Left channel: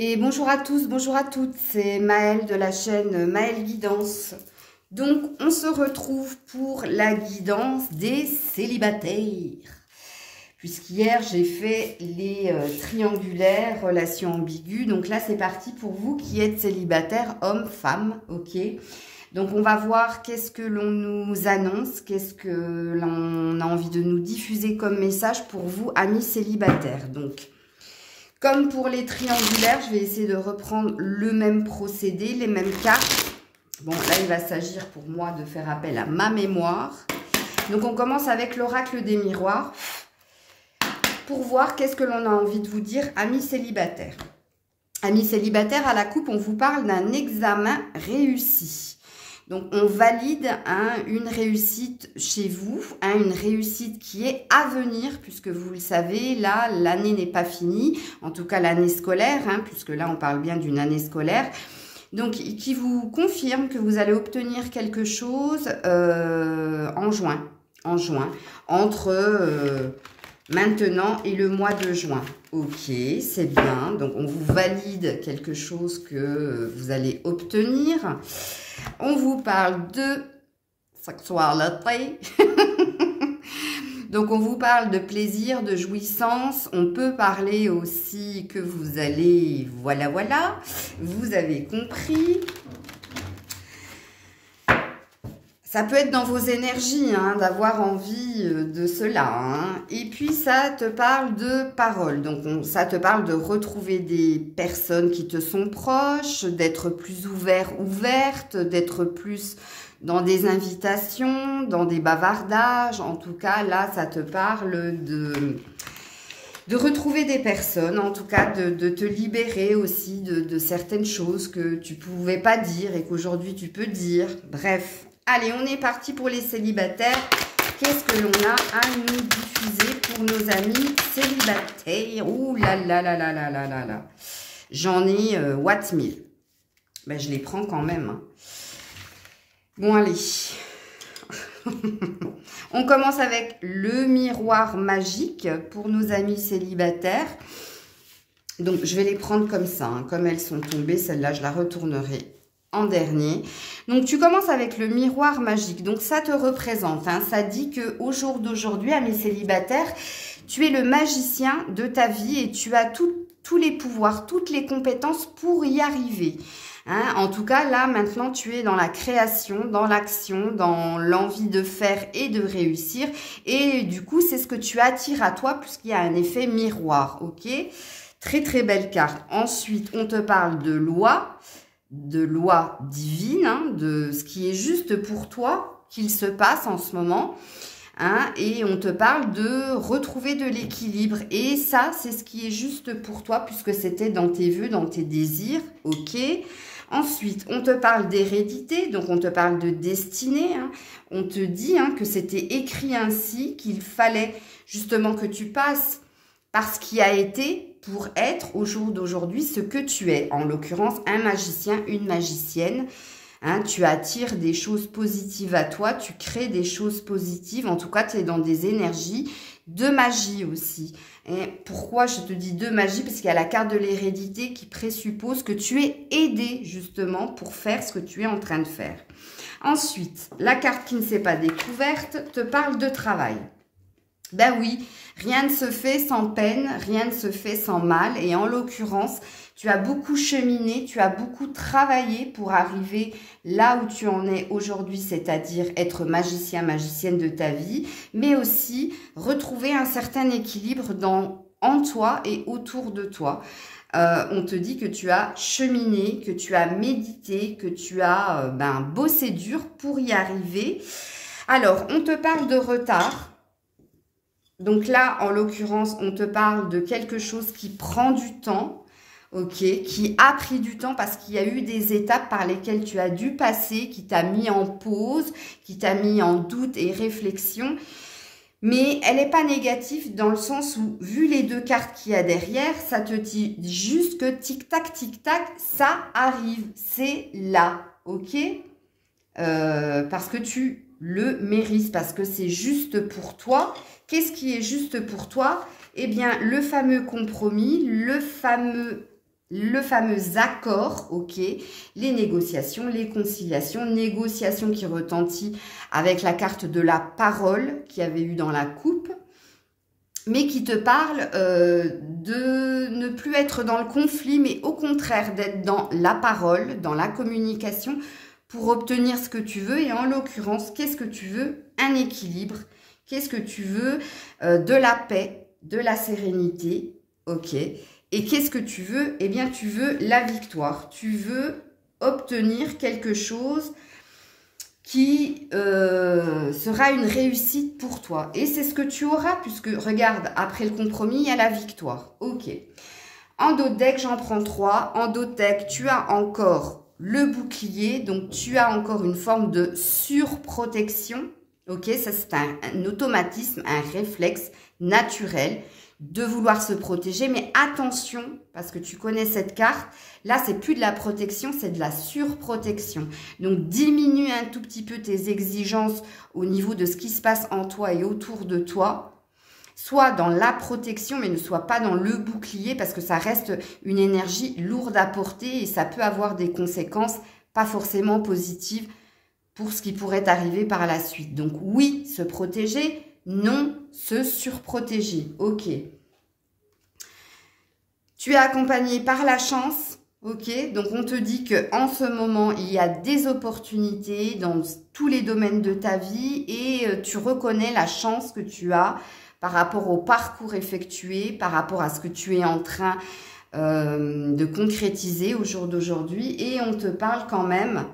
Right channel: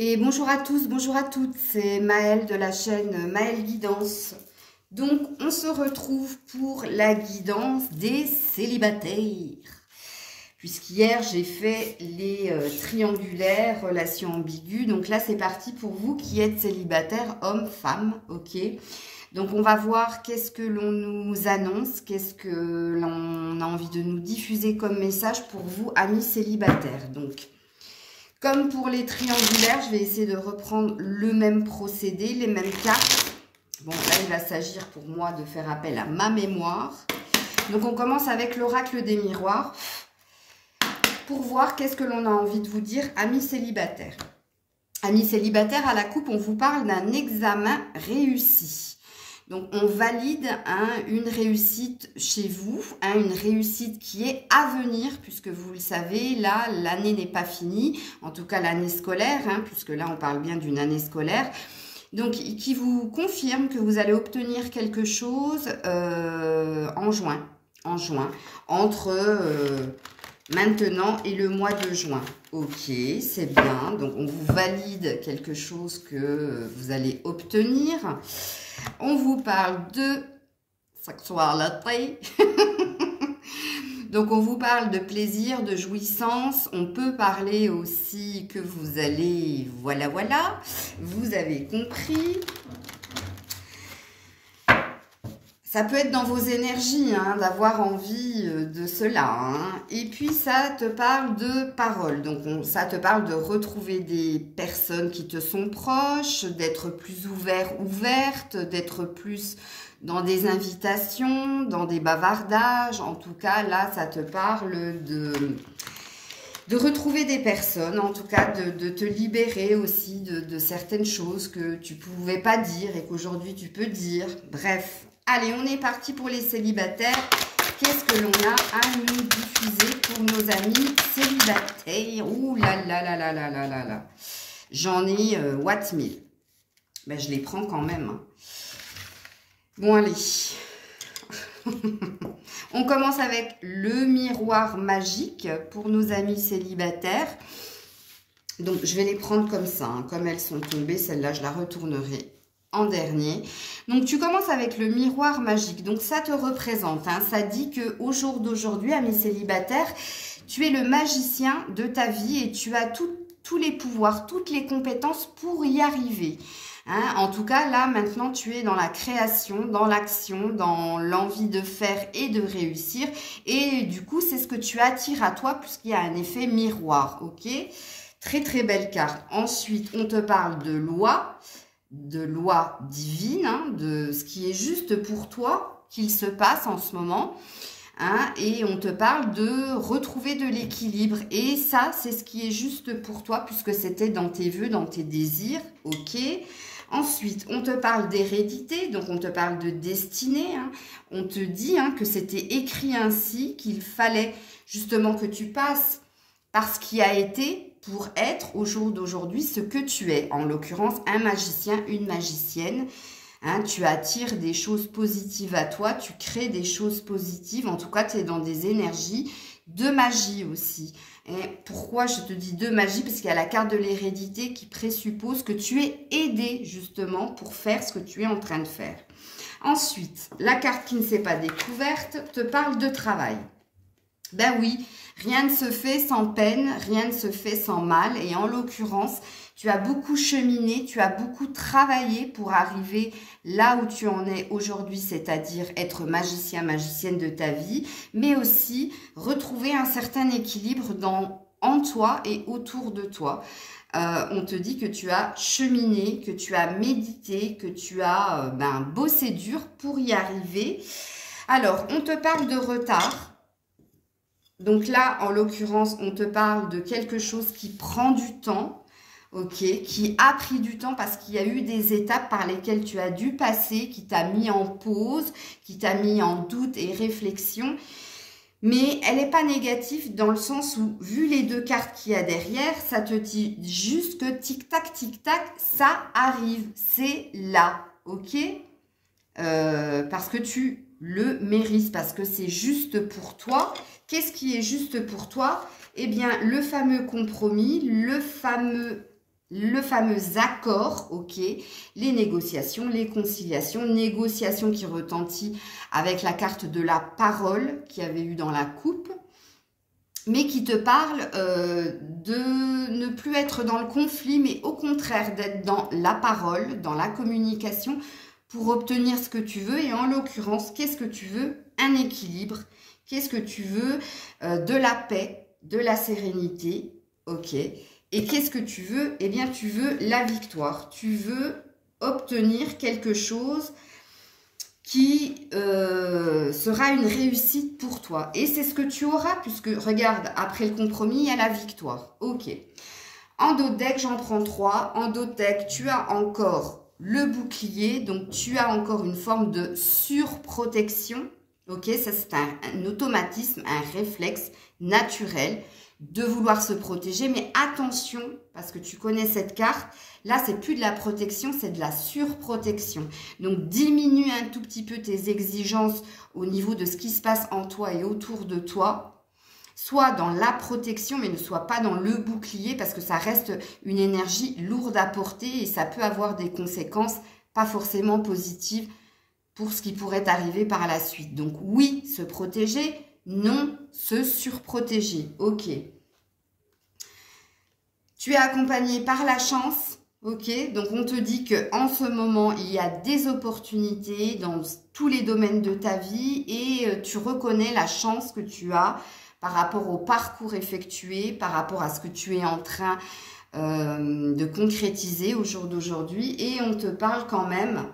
Et bonjour à tous, bonjour à toutes, c'est Maëlle de la chaîne Maëlle Guidance. Donc on se retrouve pour la guidance des célibataires. Puisqu'hier j'ai fait les triangulaires, relations ambiguës. Donc là c'est parti pour vous qui êtes célibataire, homme, femme, ok. Donc on va voir qu'est-ce que l'on nous annonce, qu'est-ce que l'on a envie de nous diffuser comme message pour vous, amis célibataires. Donc, comme pour les triangulaires, je vais essayer de reprendre le même procédé, les mêmes cartes. Bon, là, il va s'agir pour moi de faire appel à ma mémoire. Donc, on commence avec l'oracle des miroirs pour voir qu'est-ce que l'on a envie de vous dire, amis célibataires. Amis célibataires, à la coupe, on vous parle d'un examen réussi. Donc, on valide une réussite chez vous, une réussite qui est à venir, puisque vous le savez, là, l'année n'est pas finie, en tout cas l'année scolaire, puisque là, on parle bien d'une année scolaire. Donc, qui vous confirme que vous allez obtenir quelque chose en juin, entre maintenant et le mois de juin. Ok, c'est bien. Donc, on vous valide quelque chose que vous allez obtenir. On vous parle de sexualité. Donc, on vous parle de plaisir, de jouissance. On peut parler aussi que vous allez... Voilà, vous avez compris. Ça peut être dans vos énergies, d'avoir envie de cela. Et puis, ça te parle de paroles. Donc, ça te parle de retrouver des personnes qui te sont proches, d'être plus ouverte, d'être plus dans des invitations, dans des bavardages. En tout cas, là, ça te parle de retrouver des personnes, en tout cas de te libérer aussi de certaines choses que tu ne pouvais pas dire et qu'aujourd'hui tu peux dire. Bref. Allez, on est parti pour les célibataires. Qu'est-ce que l'on a à nous diffuser pour nos amis célibataires? Ouh là là là là là là là là. J'en ai Watt 1000. Ben, je les prends quand même. Bon, allez. On commence avec le miroir magique pour nos amis célibataires. Donc, je vais les prendre comme ça. Comme elles sont tombées, celle-là, je la retournerai en dernier. Donc, tu commences avec le miroir magique. Donc, ça te représente. Ça dit qu'au jour d'aujourd'hui, amis célibataires, tu es le magicien de ta vie et tu as tous les pouvoirs, toutes les compétences pour y arriver. En tout cas, là, maintenant, tu es dans la création, dans l'action, dans l'envie de faire et de réussir. Et du coup, c'est ce que tu attires à toi puisqu'il y a un effet miroir. Ok? Très, très belle carte. Ensuite, on te parle de loi divine, de ce qui est juste pour toi, qu'il se passe en ce moment. Et on te parle de retrouver de l'équilibre. Et ça, c'est ce qui est juste pour toi, puisque c'était dans tes vœux, dans tes désirs. Ok. Ensuite, on te parle d'hérédité, donc on te parle de destinée. On te dit que c'était écrit ainsi, qu'il fallait justement que tu passes par ce qui a été pour être au jour d'aujourd'hui ce que tu es. En l'occurrence, un magicien, une magicienne. Tu attires des choses positives à toi, tu crées des choses positives. En tout cas, tu es dans des énergies de magie aussi. Et pourquoi je te dis de magie? Parce qu'il y a la carte de l'hérédité qui présuppose que tu es aidé justement pour faire ce que tu es en train de faire. Ensuite, la carte qui ne s'est pas découverte te parle de travail. Ben oui, rien ne se fait sans peine, rien ne se fait sans mal. Et en l'occurrence, tu as beaucoup cheminé, tu as beaucoup travaillé pour arriver là où tu en es aujourd'hui, c'est-à-dire être magicien, magicienne de ta vie, mais aussi retrouver un certain équilibre en toi et autour de toi. On te dit que tu as cheminé, que tu as médité, que tu as bossé dur pour y arriver. Alors, on te parle de retard. Donc là, en l'occurrence, on te parle de quelque chose qui prend du temps, ok, qui a pris du temps parce qu'il y a eu des étapes par lesquelles tu as dû passer, qui t'a mis en pause, qui t'a mis en doute et réflexion. Mais elle n'est pas négative dans le sens où, vu les deux cartes qu'il y a derrière, ça te dit juste que tic-tac, ça arrive, c'est là, ok, parce que tu le mérites, parce que c'est juste pour toi. Qu'est-ce qui est juste pour toi? Eh bien, le fameux compromis, le fameux le fameux accord, ok, les négociations, les conciliations, négociations qui retentit avec la carte de la parole qu'il y avait eu dans la coupe, mais qui te parle de ne plus être dans le conflit, mais au contraire d'être dans la parole, dans la communication, pour obtenir ce que tu veux. Et en l'occurrence, qu'est-ce que tu veux? Un équilibre. Qu'est-ce que tu veux? De la paix, de la sérénité, ok. Et qu'est-ce que tu veux? Eh bien, tu veux la victoire. Tu veux obtenir quelque chose qui sera une réussite pour toi. Et c'est ce que tu auras, puisque, regarde, après le compromis, il y a la victoire. Ok. En dos de deck, j'en prends 3. En dos de deck, tu as encore le bouclier. Donc, tu as encore une forme de surprotection. Ok, ça c'est un automatisme, un réflexe naturel de vouloir se protéger. Mais attention, parce que tu connais cette carte, là c'est plus de la protection, c'est de la surprotection. Donc diminue un tout petit peu tes exigences au niveau de ce qui se passe en toi et autour de toi. Sois dans la protection, mais ne sois pas dans le bouclier, parce que ça reste une énergie lourde à porter et ça peut avoir des conséquences pas forcément positives pour ce qui pourrait arriver par la suite. Donc oui, se protéger, non, se surprotéger. Ok. Tu es accompagné par la chance. Ok. Donc on te dit qu'en ce moment, il y a des opportunités dans tous les domaines de ta vie et tu reconnais la chance que tu as par rapport au parcours effectué, par rapport à ce que tu es en train de concrétiser au jour d'aujourd'hui. Et on te parle quand même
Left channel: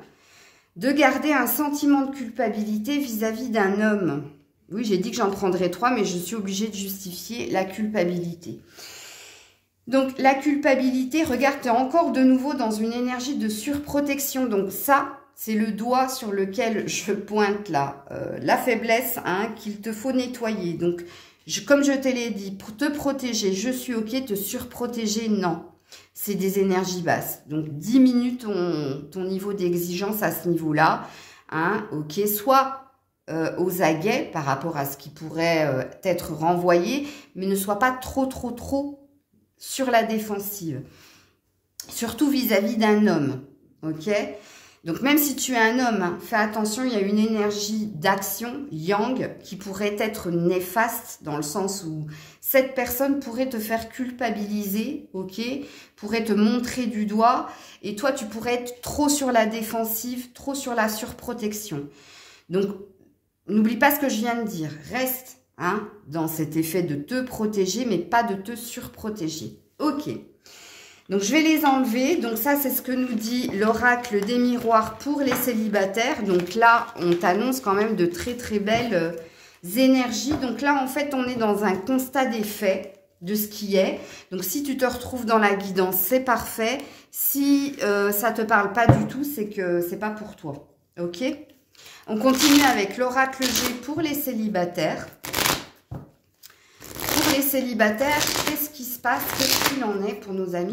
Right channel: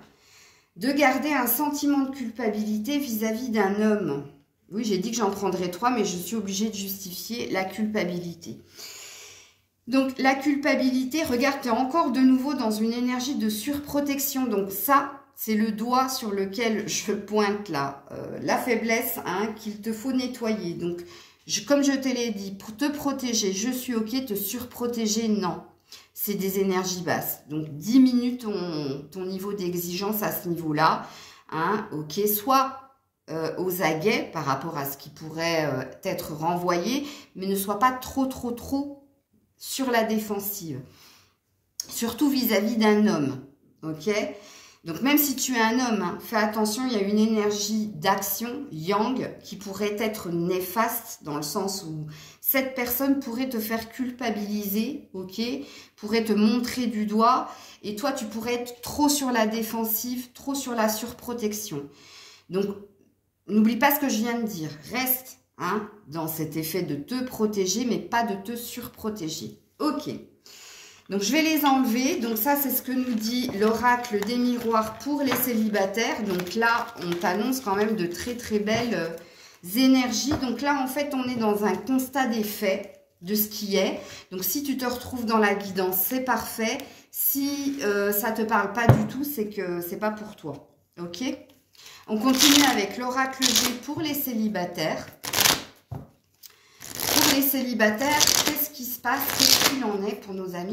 de garder un sentiment de culpabilité vis-à-vis d'un homme. Oui, j'ai dit que j'en prendrais 3, mais je suis obligée de justifier la culpabilité. Donc, la culpabilité, regarde, tu es encore de nouveau dans une énergie de surprotection. Donc, ça, c'est le doigt sur lequel je pointe là. La faiblesse qu'il te faut nettoyer. Donc, comme je te l'ai dit, pour te protéger, je suis OK. Te surprotéger, non. C'est des énergies basses. Donc, diminue ton niveau d'exigence à ce niveau-là. Ok, soit aux aguets par rapport à ce qui pourrait être renvoyé, mais ne sois pas trop sur la défensive. Surtout vis-à-vis d'un homme. Ok? Donc, même si tu es un homme, fais attention, il y a une énergie d'action, yang, qui pourrait être néfaste dans le sens où cette personne pourrait te faire culpabiliser, ok, pourrait te montrer du doigt, et toi, tu pourrais être trop sur la défensive, trop sur la surprotection. Donc, n'oublie pas ce que je viens de dire. Reste dans cet effet de te protéger, mais pas de te surprotéger. Ok. Donc, je vais les enlever. Donc, ça, c'est ce que nous dit l'oracle des miroirs pour les célibataires. Donc, là, on t'annonce quand même de très belles énergies. Donc, là, en fait, on est dans un constat des faits de ce qui est. Donc, si tu te retrouves dans la guidance, c'est parfait. Si ça ne te parle pas du tout, c'est que c'est pas pour toi. Ok? On continue avec l'oracle G pour les célibataires. Pour les célibataires, qu'est-ce qui se passe? Qu'est-ce qu'il en est pour nos amis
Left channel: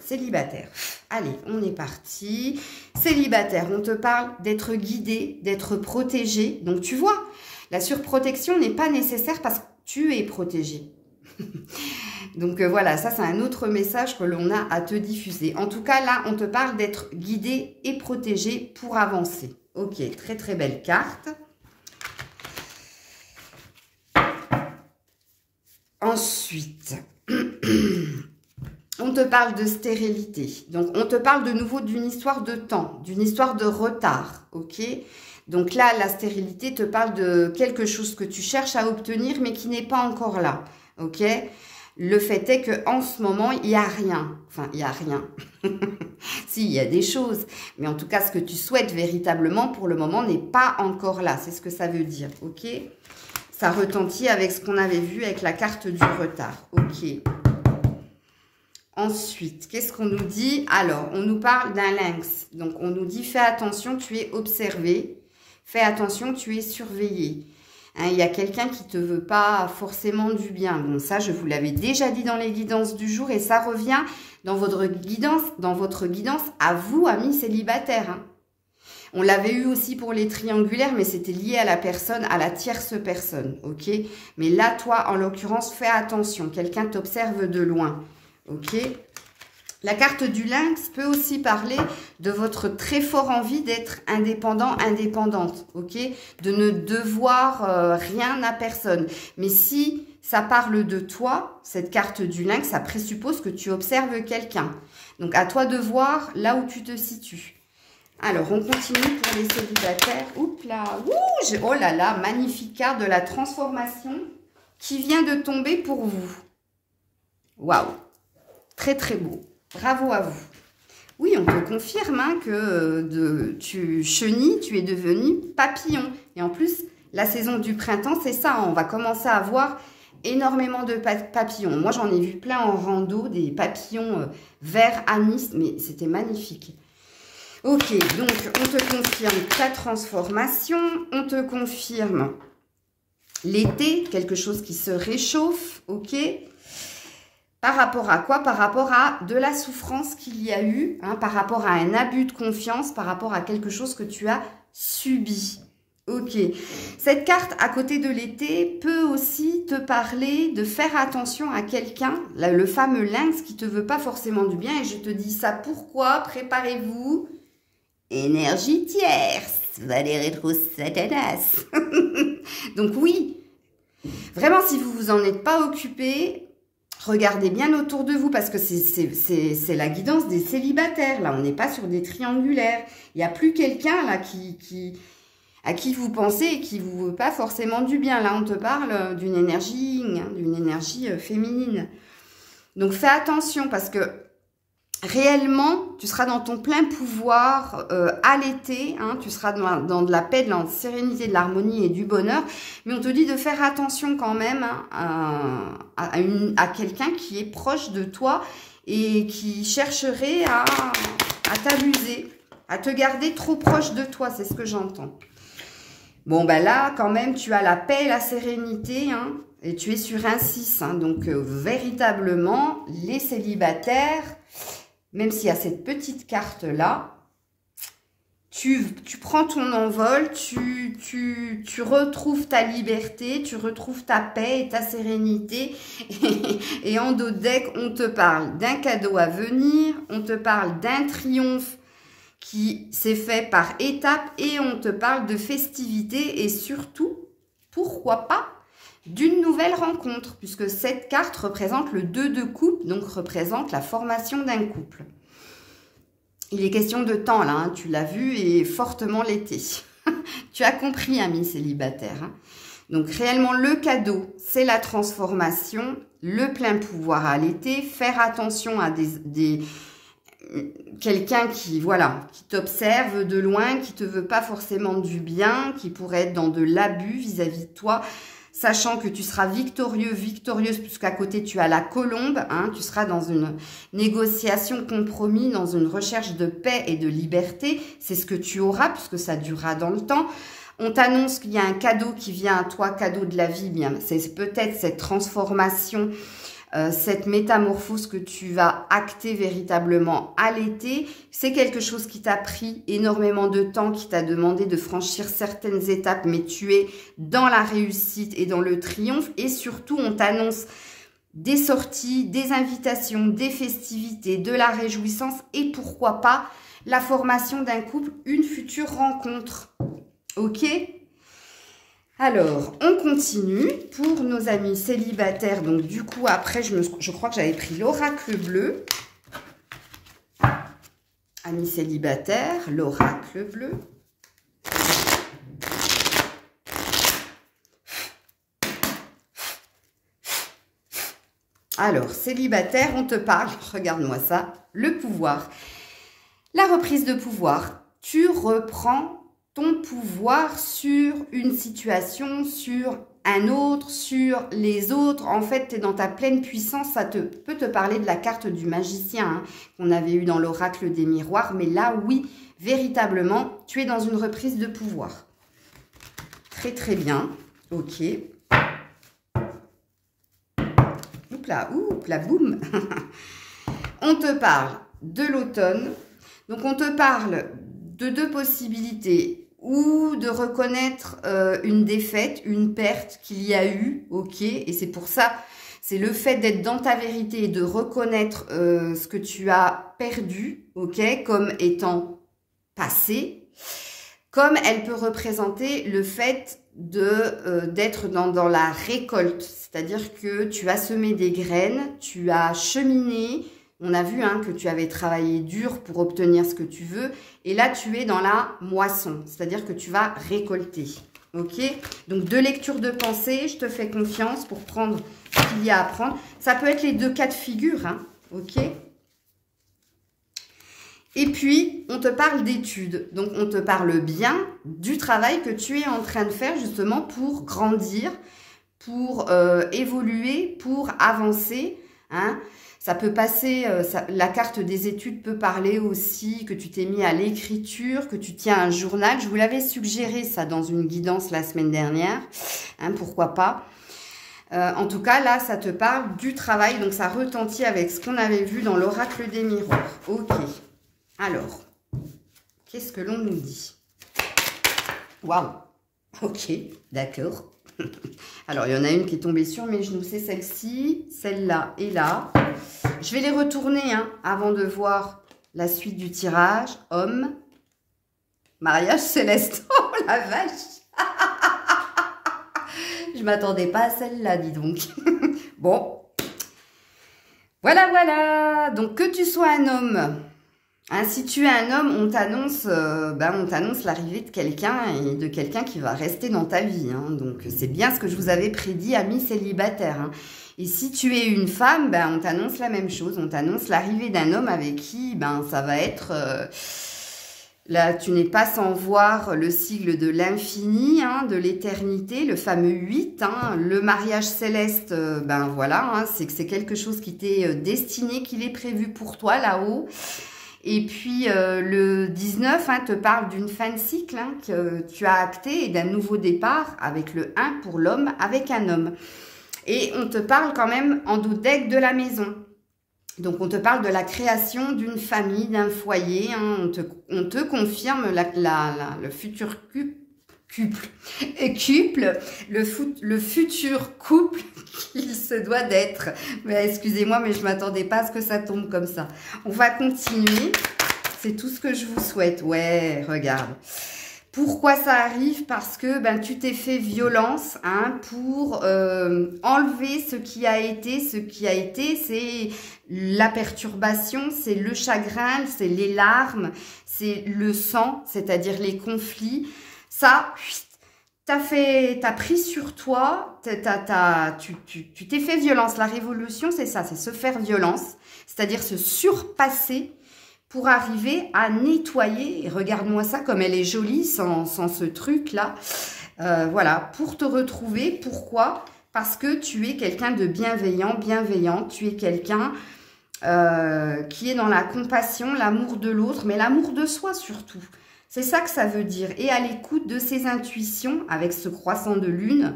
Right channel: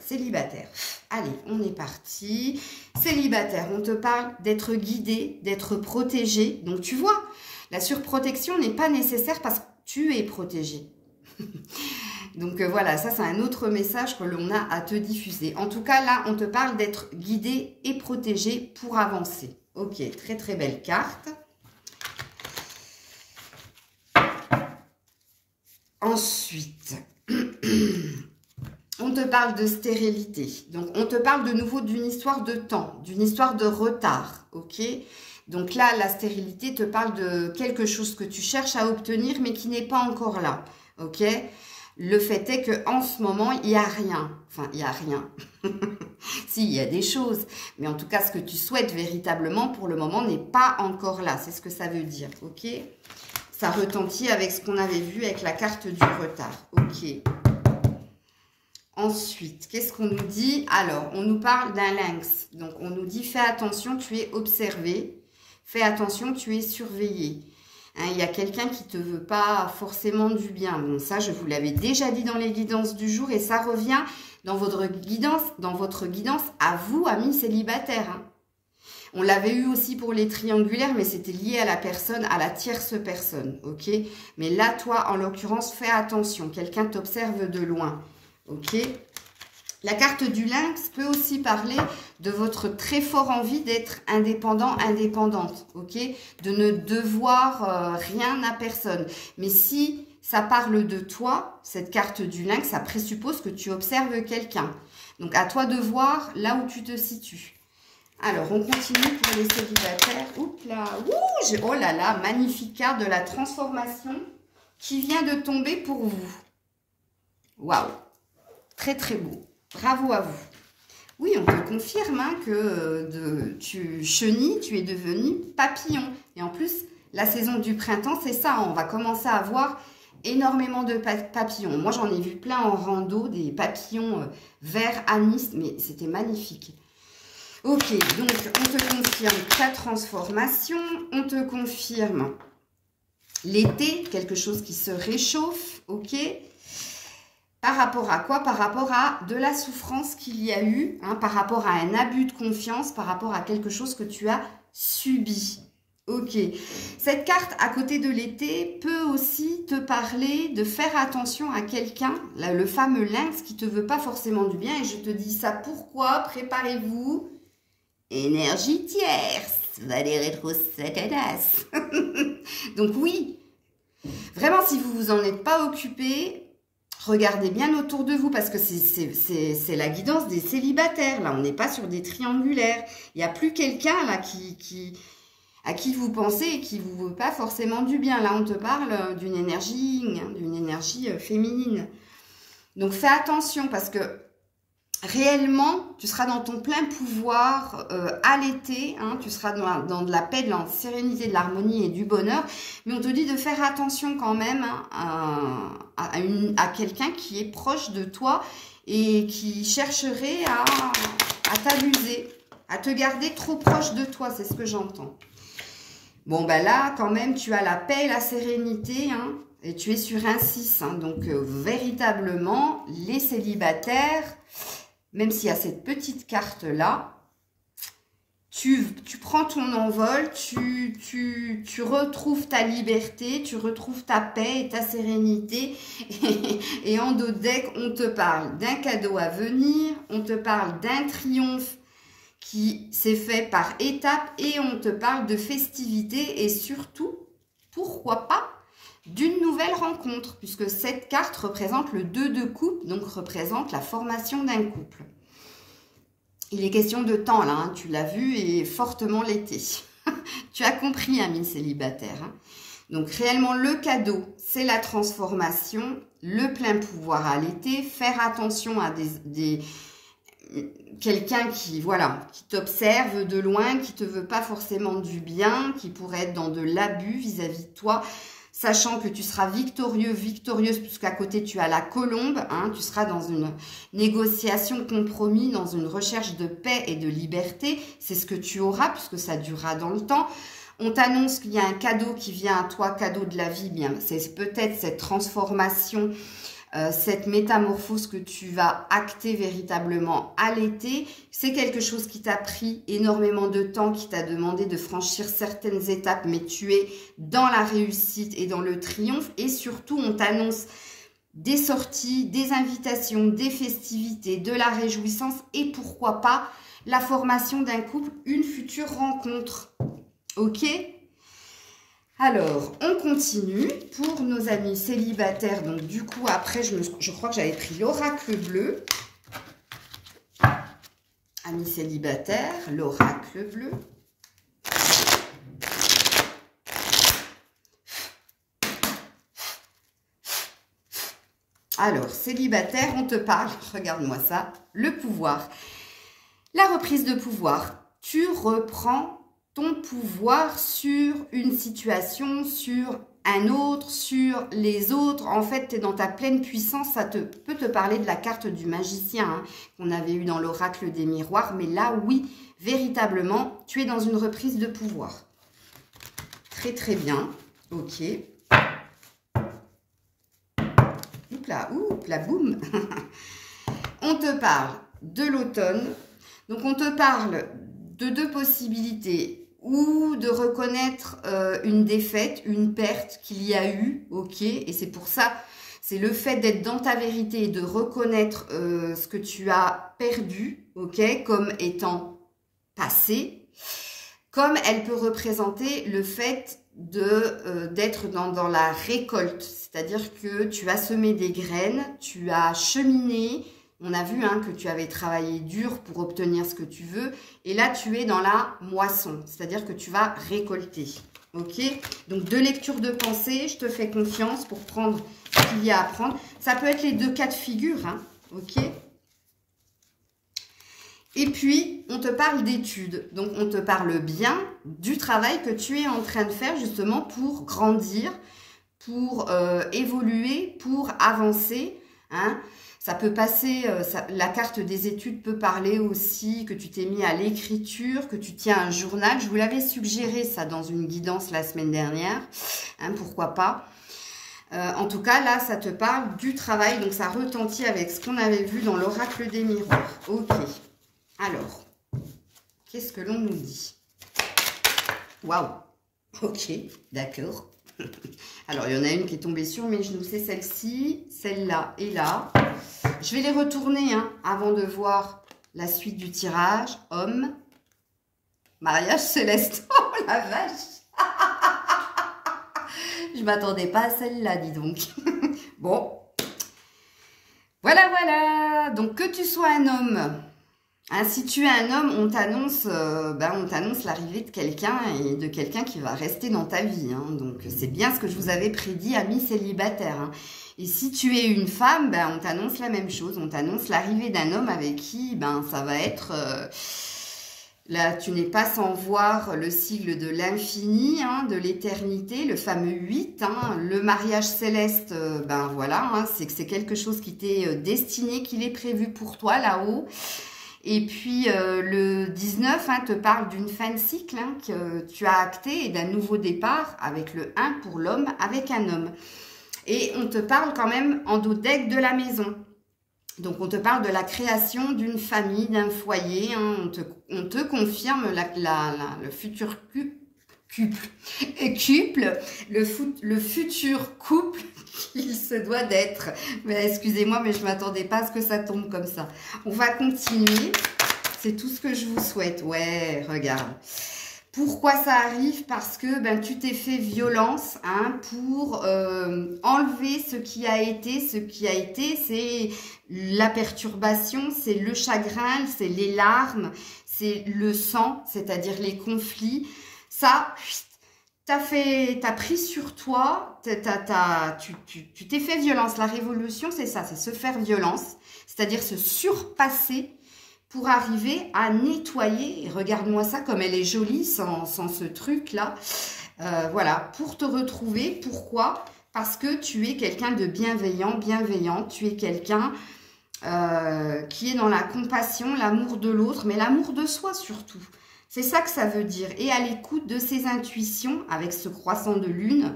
célibataires? Allez, on est parti. Célibataire, on te parle d'être guidé, d'être protégé. Donc, tu vois, la surprotection n'est pas nécessaire parce que tu es protégé. Donc, voilà, ça, c'est un autre message que l'on a à te diffuser. En tout cas, là, on te parle d'être guidé et protégé pour avancer. Ok, très belle carte. Ensuite, on te parle de stérilité. Donc, on te parle de nouveau d'une histoire de temps, d'une histoire de retard. Ok? Donc là, la stérilité te parle de quelque chose que tu cherches à obtenir, mais qui n'est pas encore là. Ok? Le fait est qu'en ce moment, il n'y a rien. Enfin, il n'y a rien. Si, il y a des choses. Mais en tout cas, ce que tu souhaites véritablement, pour le moment, n'est pas encore là. C'est ce que ça veut dire. Ok? Ça retentit avec ce qu'on avait vu avec la carte du retard. Ok. Ensuite, qu'est-ce qu'on nous dit? Alors, on nous parle d'un lynx. Donc, on nous dit, fais attention, tu es observé. Fais attention, tu es surveillé. Il y a quelqu'un qui ne te veut pas forcément du bien. Bon, ça, je vous l'avais déjà dit dans les guidances du jour. Et ça revient dans votre guidance à vous, amis célibataires. On l'avait eu aussi pour les triangulaires, mais c'était lié à la personne, à la tierce personne. Ok? Mais là, toi, en l'occurrence, fais attention. Quelqu'un t'observe de loin. Ok? La carte du lynx peut aussi parler de votre très fort envie d'être indépendant, indépendante, ok? De ne devoir rien à personne. Mais si ça parle de toi, cette carte du lynx, ça présuppose que tu observes quelqu'un. Donc, à toi de voir là où tu te situes. Alors, on continue pour les célibataires. Oups là, oh là là, magnifique carte de la transformation qui vient de tomber pour vous. Waouh, très très beau. Bravo à vous. Oui, on te confirme hein, que chenille, tu es devenu papillon. Et en plus, la saison du printemps, c'est ça. On va commencer à voir énormément de papillons. Moi, j'en ai vu plein en rando, des papillons vert anis, mais c'était magnifique. Ok, donc on te confirme ta transformation, on te confirme l'été, quelque chose qui se réchauffe, ok. Par rapport à quoi? Par rapport à de la souffrance qu'il y a eu, hein, par rapport à un abus de confiance, par rapport à quelque chose que tu as subi. Ok. Cette carte, à côté de l'été, peut aussi te parler de faire attention à quelqu'un, le fameux lynx qui te veut pas forcément du bien. Et je te dis ça pourquoi? Préparez-vous. Énergie tierce. Valérie Trousse Satanas. Donc oui, vraiment, si vous vous en êtes pas occupé, regardez bien autour de vous parce que c'est la guidance des célibataires. Là, on n'est pas sur des triangulaires. Il n'y a plus quelqu'un là à qui vous pensez et qui vous veut pas forcément du bien. Là, on te parle d'une énergie féminine. Donc, fais attention parce que réellement, tu seras dans ton plein pouvoir à l'été. Hein, tu seras dans de la paix, de la sérénité, de l'harmonie et du bonheur. Mais on te dit de faire attention quand même hein, à quelqu'un qui est proche de toi et qui chercherait à t'abuser, à te garder trop proche de toi. C'est ce que j'entends. Bon, ben là, quand même, tu as la paix et la sérénité, hein, et tu es sur un 6. Hein, donc, véritablement, les célibataires, même s'il y a cette petite carte-là, tu prends ton envol, tu retrouves ta liberté, tu retrouves ta paix et ta sérénité. Et en dos de deck, on te parle d'un cadeau à venir, on te parle d'un triomphe qui s'est fait par étapes et on te parle de festivités et surtout, pourquoi pas, d'une nouvelle rencontre, puisque cette carte représente le 2 de coupe, donc représente la formation d'un couple. Il est question de temps là, hein, tu l'as vu, et fortement l'été. Tu as compris, ami célibataire. Hein. Donc réellement, le cadeau, c'est la transformation, le plein pouvoir à l'été, faire attention à quelqu'un qui, voilà, qui t'observe de loin, qui te veut pas forcément du bien, qui pourrait être dans de l'abus vis-à-vis de toi, sachant que tu seras victorieux, victorieuse, puisqu'à côté tu as la colombe, hein, tu seras dans une négociation, compromis, dans une recherche de paix et de liberté, c'est ce que tu auras, puisque ça durera dans le temps. On t'annonce qu'il y a un cadeau qui vient à toi, cadeau de la vie, bien, c'est peut-être cette transformation, cette métamorphose que tu vas acter véritablement à l'été. C'est quelque chose qui t'a pris énormément de temps, qui t'a demandé de franchir certaines étapes, mais tu es dans la réussite et dans le triomphe. Et surtout, on t'annonce des sorties, des invitations, des festivités, de la réjouissance et pourquoi pas la formation d'un couple, une future rencontre. Ok ? Alors, on continue pour nos amis célibataires. Donc, du coup, après, je crois que j'avais pris l'oracle bleu. Amis célibataires, l'oracle bleu. Alors, célibataire, on te parle, regarde-moi ça, le pouvoir. La reprise de pouvoir. Tu reprends ton pouvoir sur une situation, sur un autre, sur les autres. En fait, tu es dans ta pleine puissance. Ça peut te parler de la carte du magicien hein, qu'on avait eu dans l'oracle des miroirs. Mais là, oui, véritablement, tu es dans une reprise de pouvoir. Très, très bien. Ok. Oups là, boum. On te parle de l'automne. Donc, on te parle de deux possibilités. Ou de reconnaître une défaite, une perte qu'il y a eu, ok, et c'est pour ça, c'est le fait d'être dans ta vérité et de reconnaître ce que tu as perdu, ok, comme étant passé, comme elle peut représenter le fait d'être dans la récolte, c'est-à-dire que tu as semé des graines, tu as cheminé, on a vu que tu avais travaillé dur pour obtenir ce que tu veux, et là tu es dans la moisson, c'est-à-dire que tu vas récolter, ok? Donc deux lectures de pensée, je te fais confiance pour prendre ce qu'il y a à prendre. Ça peut être les deux cas de figure, ok? Et puis, on te parle d'études. Donc, on te parle bien du travail que tu es en train de faire justement pour grandir, pour évoluer, pour avancer. Ça peut passer, la carte des études peut parler aussi que tu t'es mis à l'écriture, que tu tiens un journal. Je vous l'avais suggéré ça dans une guidance la semaine dernière. Pourquoi pas. En tout cas, là, ça te parle du travail. Donc, ça retentit avec ce qu'on avait vu dans l'oracle des miroirs. Ok. Alors, qu'est-ce que l'on nous dit? Waouh! Ok, d'accord. Alors, il y en a une qui est tombée sur mes genoux. C'est celle-ci, celle-là et là. Je vais les retourner avant de voir la suite du tirage. Homme, mariage céleste. Oh, la vache! Je m'attendais pas à celle-là, dis donc. Bon. Voilà, voilà. Donc, que tu sois un homme... si tu es un homme, on t'annonce l'arrivée de quelqu'un et de quelqu'un qui va rester dans ta vie. Donc, c'est bien ce que je vous avais prédit, amis célibataires. Et si tu es une femme, on t'annonce la même chose. On t'annonce l'arrivée d'un homme avec qui ça va être... là, tu n'es pas sans voir le sigle de l'infini, de l'éternité, le fameux 8. Le mariage céleste, voilà, c'est que c'est quelque chose qui t'est destiné, qu'il est prévu pour toi là-haut. Et puis, le 19 te parle d'une fin de cycle que tu as acté et d'un nouveau départ avec le 1 pour l'homme, avec un homme. Et on te parle quand même en dos deck de la maison. Donc, on te parle de la création d'une famille, d'un foyer. On te confirme le futur le futur couple qu'il se doit d'être. Mais excusez-moi, mais je ne m'attendais pas à ce que ça tombe comme ça. On va continuer. C'est tout ce que je vous souhaite. Ouais, regarde. Pourquoi ça arrive? Parce que tu t'es fait violence pour enlever ce qui a été. Ce qui a été, c'est la perturbation, c'est le chagrin, c'est les larmes, c'est le sang, c'est-à-dire les conflits. Ça, t'as pris sur toi, tu t'es fait violence. La révolution, c'est ça, c'est se faire violence, c'est-à-dire se surpasser pour arriver à nettoyer. Et regarde-moi ça, comme elle est jolie sans ce truc-là. Voilà, pour te retrouver. Pourquoi? Parce que tu es quelqu'un de bienveillant. Tu es quelqu'un qui est dans la compassion, l'amour de l'autre, mais l'amour de soi surtout. C'est ça que ça veut dire. Et à l'écoute de ses intuitions, avec ce croissant de lune,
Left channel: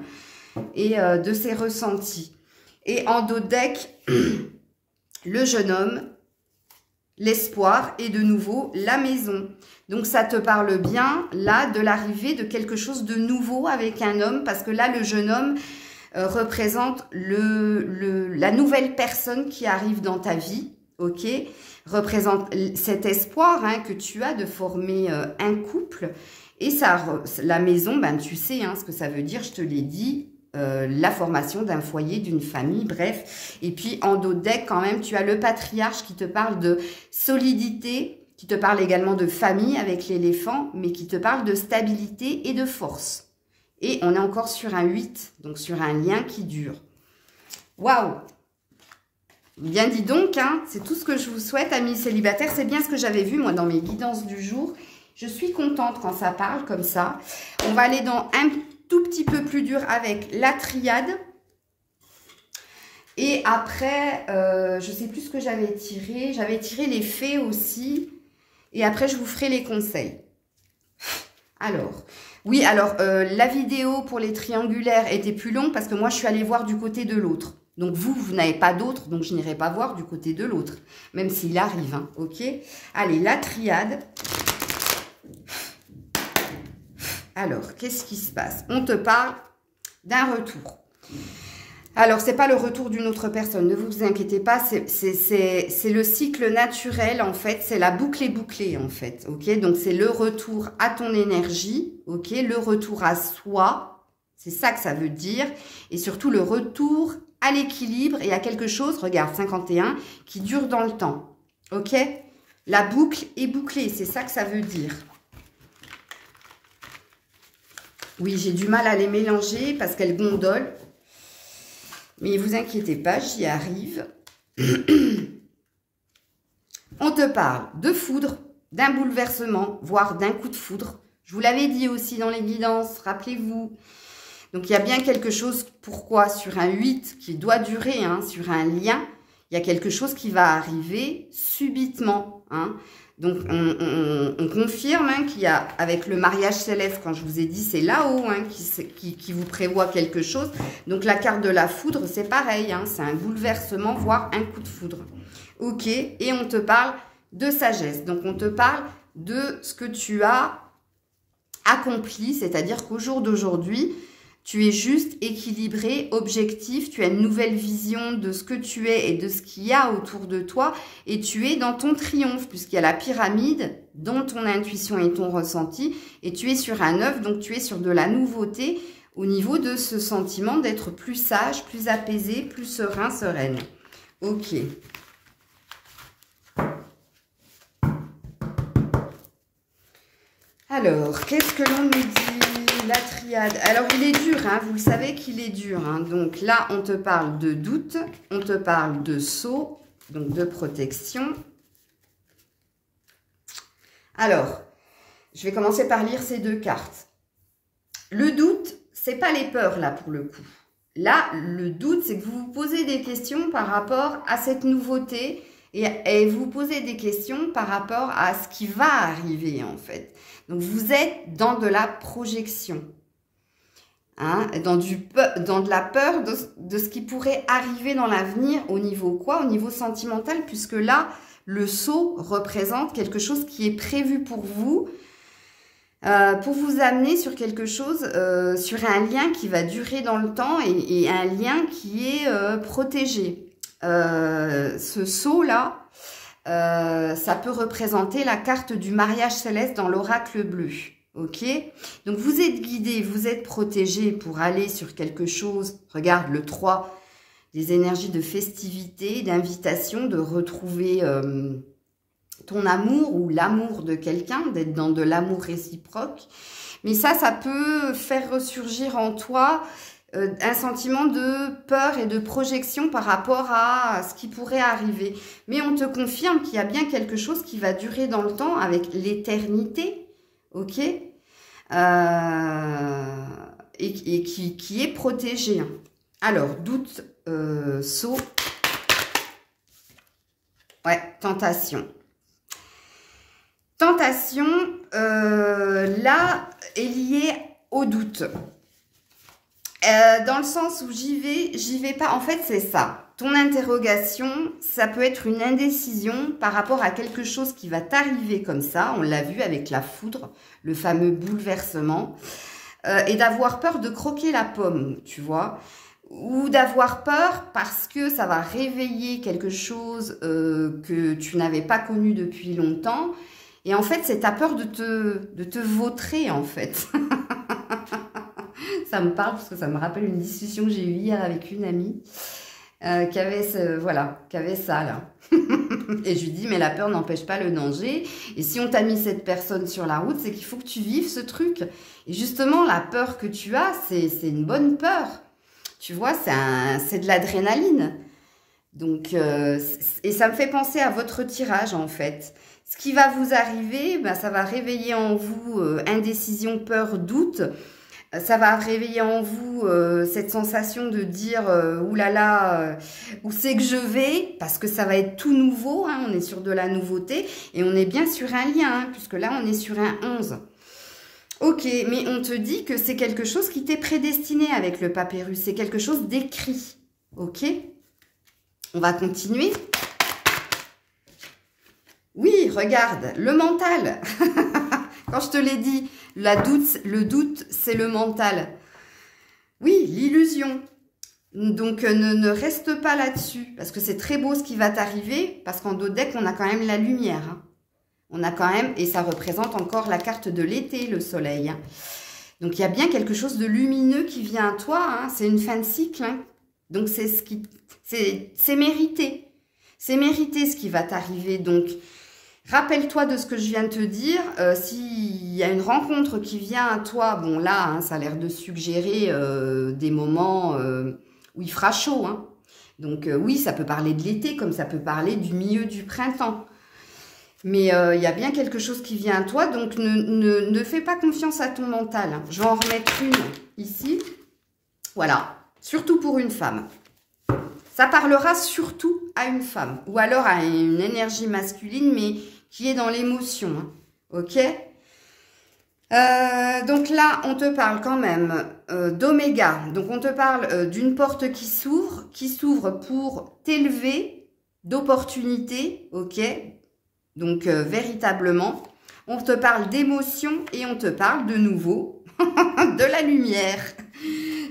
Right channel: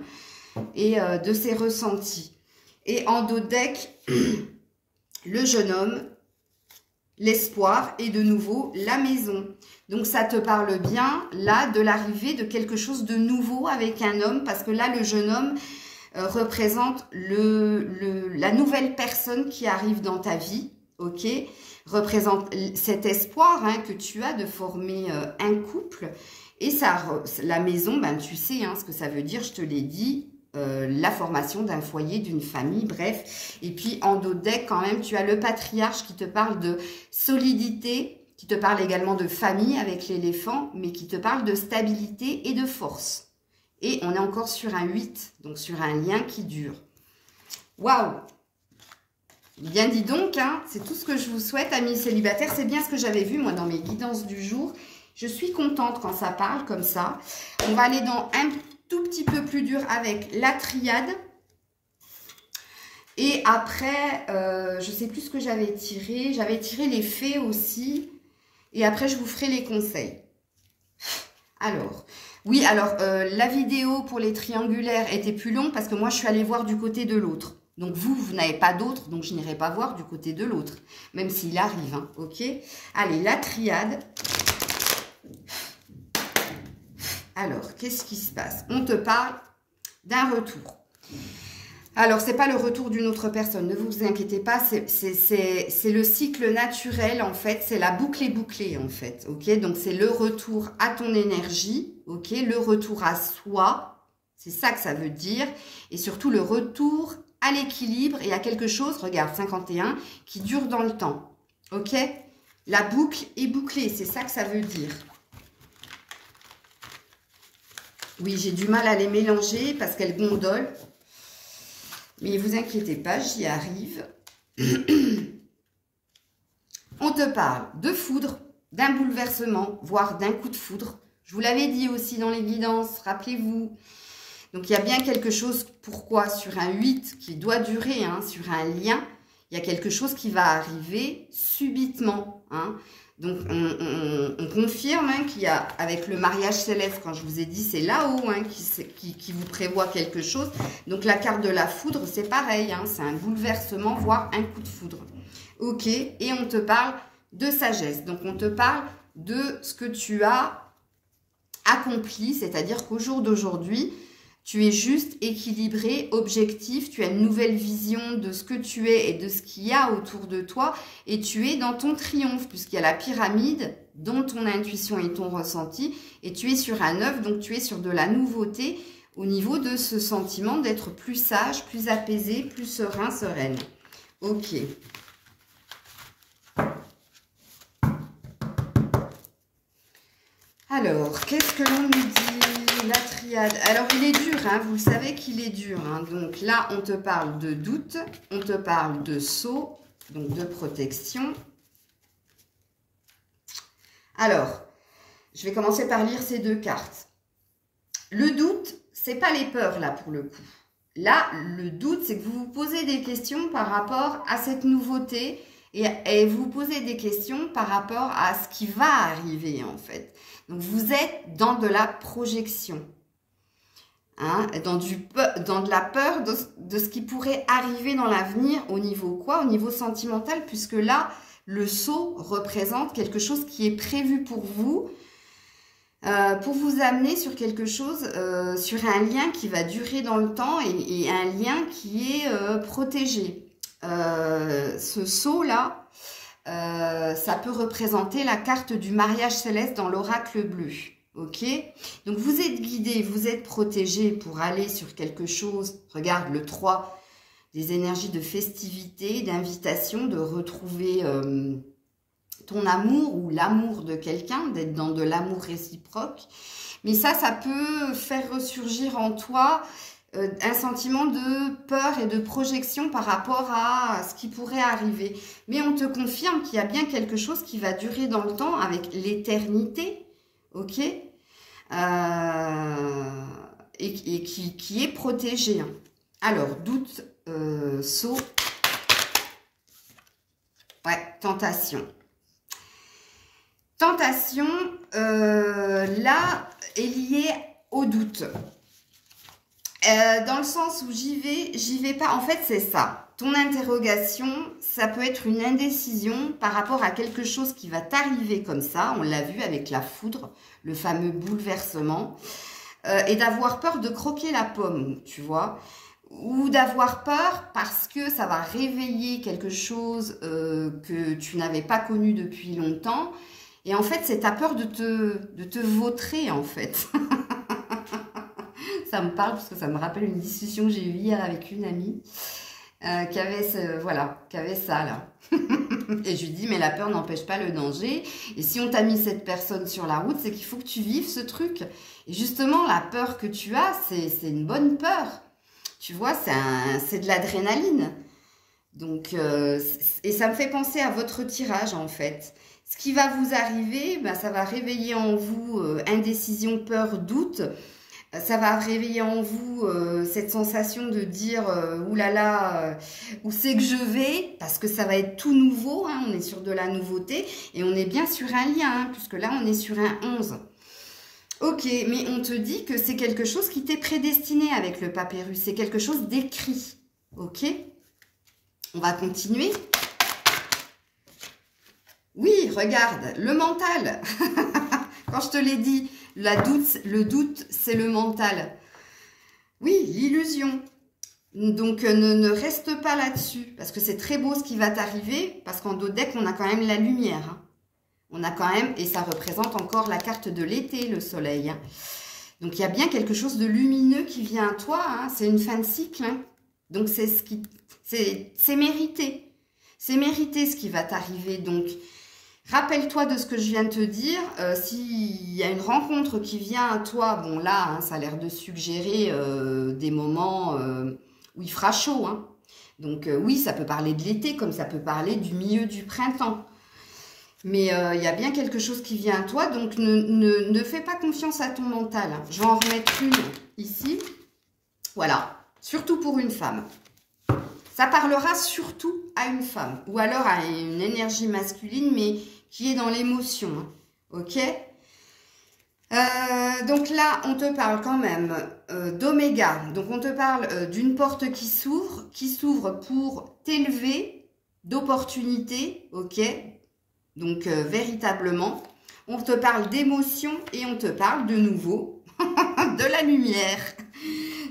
et de ses ressentis. Et en dos deck, le jeune homme, l'espoir et de nouveau la maison. Donc ça te parle bien là de l'arrivée de quelque chose de nouveau avec un homme, parce que là le jeune homme représente la nouvelle personne qui arrive dans ta vie, ok, représente cet espoir que tu as de former un couple. Et ça, la maison, tu sais ce que ça veut dire, je te l'ai dit, la formation d'un foyer, d'une famille, bref. Et puis en dos de deck quand même, tu as le patriarche qui te parle de solidité, qui te parle également de famille avec l'éléphant, mais qui te parle de stabilité et de force. Et on est encore sur un 8, donc sur un lien qui dure. Waouh! Bien dit donc, c'est tout ce que je vous souhaite, amis célibataires. C'est bien ce que j'avais vu, moi, dans mes guidances du jour. Je suis contente quand ça parle comme ça. On va aller dans un tout petit peu plus dur avec la triade. Et après, je ne sais plus ce que j'avais tiré. J'avais tiré les fées aussi. Et après, je vous ferai les conseils. Alors, oui, alors, la vidéo pour les triangulaires était plus longue parce que moi, je suis allée voir du côté de l'autre. Donc, vous n'avez pas d'autre, donc je n'irai pas voir du côté de l'autre. Même s'il arrive, ok? Allez, la triade. Alors, qu'est-ce qui se passe? On te parle d'un retour. Alors, c'est pas le retour d'une autre personne, ne vous inquiétez pas, c'est le cycle naturel, en fait, c'est la boucle est bouclée, en fait, ok? Donc, c'est le retour à ton énergie, ok? Le retour à soi, c'est ça que ça veut dire, et surtout le retour à l'équilibre et à quelque chose, regarde, 51, qui dure dans le temps, ok? La boucle est bouclée, c'est ça que ça veut dire. Oui, j'ai du mal à les mélanger parce qu'elles gondolent. Mais vous inquiétez pas, j'y arrive. On te parle de foudre, d'un bouleversement, voire d'un coup de foudre. Je vous l'avais dit aussi dans les guidances, rappelez-vous. Donc, il y a bien quelque chose, pourquoi sur un 8 qui doit durer, hein, sur un lien, il y a quelque chose qui va arriver subitement. Hein. Donc, on confirme hein, qu'il y a, avec le mariage céleste, quand je vous ai dit, c'est là-haut hein, qui vous prévoit quelque chose. Donc, la carte de la foudre, c'est pareil. Hein, c'est un bouleversement, voire un coup de foudre. Ok, et on te parle de sagesse. Donc, on te parle de ce que tu as accompli, c'est-à-dire qu'au jour d'aujourd'hui, tu es juste équilibré, objectif, tu as une nouvelle vision de ce que tu es et de ce qu'il y a autour de toi et tu es dans ton triomphe puisqu'il y a la pyramide dont ton intuition et ton ressenti et tu es sur un 9, donc tu es sur de la nouveauté au niveau de ce sentiment d'être plus sage, plus apaisé, plus serein, sereine. Ok. Alors, qu'est-ce que l'on nous dit? La triade. Alors, il est dur, hein, vous le savez qu'il est dur. Hein. Donc là, on te parle de doute, on te parle de sceau, donc de protection. Alors, je vais commencer par lire ces deux cartes. Le doute, c'est pas les peurs, là, pour le coup. Là, le doute, c'est que vous vous posez des questions par rapport à cette nouveauté et vous posez des questions par rapport à ce qui va arriver, en fait. Donc, vous êtes dans de la projection, hein, dans de la peur de ce qui pourrait arriver dans l'avenir au niveau quoi? Au niveau sentimental, puisque là, le sceau représente quelque chose qui est prévu pour vous amener sur quelque chose, sur un lien qui va durer dans le temps et un lien qui est protégé. Ce sceau-là, ça peut représenter la carte du mariage céleste dans l'oracle bleu. Ok? Donc, vous êtes guidé, vous êtes protégé pour aller sur quelque chose. Regarde, le 3, des énergies de festivité, d'invitation, de retrouver ton amour ou l'amour de quelqu'un, d'être dans de l'amour réciproque. Mais ça peut faire ressurgir en toi un sentiment de peur et de projection par rapport à ce qui pourrait arriver. Mais on te confirme qu'il y a bien quelque chose qui va durer dans le temps avec l'éternité, ok, et qui est protégé. Alors, doute, sceau, ouais, tentation. Tentation, là, est liée au doute. Dans le sens où j'y vais pas. En fait, c'est ça. Ton interrogation, ça peut être une indécision par rapport à quelque chose qui va t'arriver comme ça. On l'a vu avec la foudre, le fameux bouleversement. Et d'avoir peur de croquer la pomme, tu vois. Ou d'avoir peur parce que ça va réveiller quelque chose que tu n'avais pas connu depuis longtemps. Et en fait, c'est ta peur de te vautrer, en fait. Ça me parle parce que ça me rappelle une discussion que j'ai eue hier avec une amie qui avait ça là. Et je lui dis, mais la peur n'empêche pas le danger. Et si on t'a mis cette personne sur la route, c'est qu'il faut que tu vives ce truc. Et justement, la peur que tu as, c'est une bonne peur. Tu vois, c'est de l'adrénaline. Donc, et ça me fait penser à votre tirage en fait. Ce qui va vous arriver, ben, ça va réveiller en vous indécision, peur, doute. Ça va réveiller en vous cette sensation de dire oulala, où c'est que je vais, parce que ça va être tout nouveau, hein, on est sur de la nouveauté, et on est bien sur un lien, hein, puisque là on est sur un 11. Ok, mais on te dit que c'est quelque chose qui t'est prédestiné avec le papyrus, c'est quelque chose d'écrit, ok? On va continuer. Oui, regarde, le mental. Quand je te l'ai dit, le doute, c'est le mental. Oui, l'illusion. Donc, ne reste pas là-dessus, parce que c'est très beau ce qui va t'arriver, parce qu'en dos de deck, on a quand même la lumière. Hein. On a quand même, et ça représente encore la carte de l'été, le soleil. Hein. Donc, il y a bien quelque chose de lumineux qui vient à toi. Hein. C'est une fin de cycle. Hein. Donc, c'est mérité. C'est mérité ce qui va t'arriver. Donc, rappelle-toi de ce que je viens de te dire. S'il y a une rencontre qui vient à toi, bon là, hein, ça a l'air de suggérer des moments où il fera chaud. Hein. Donc oui, ça peut parler de l'été comme ça peut parler du milieu du printemps. Mais il y a bien quelque chose qui vient à toi, donc ne fais pas confiance à ton mental. Hein. Je vais en remettre une ici. Voilà, surtout pour une femme. Ça parlera surtout à une femme, ou alors à une énergie masculine, mais qui est dans l'émotion, hein. Ok? Donc là, on te parle quand même d'oméga. Donc on te parle d'une porte qui s'ouvre pour t'élever d'opportunités, ok? Donc véritablement, on te parle d'émotion et on te parle de nouveau de la lumière.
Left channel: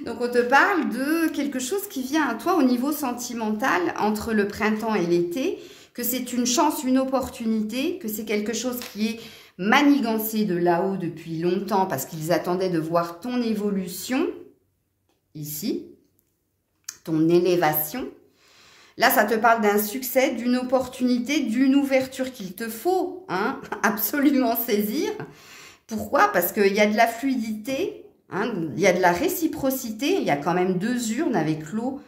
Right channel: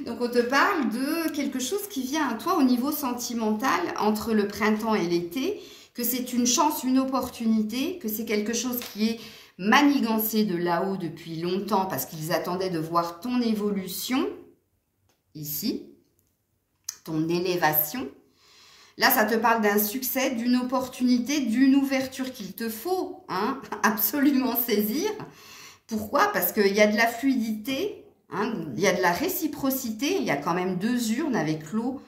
Donc, on te parle de quelque chose qui vient à toi au niveau sentimental entre le printemps et l'été, que c'est une chance, une opportunité, que c'est quelque chose qui est manigancé de là-haut depuis longtemps parce qu'ils attendaient de voir ton évolution, ici, ton élévation. Là, ça te parle d'un succès, d'une opportunité, d'une ouverture qu'il te faut hein, absolument saisir. Pourquoi? Parce qu'il y a de la fluidité. Hein, il y a de la réciprocité, il y a quand même 2 urnes avec l'eau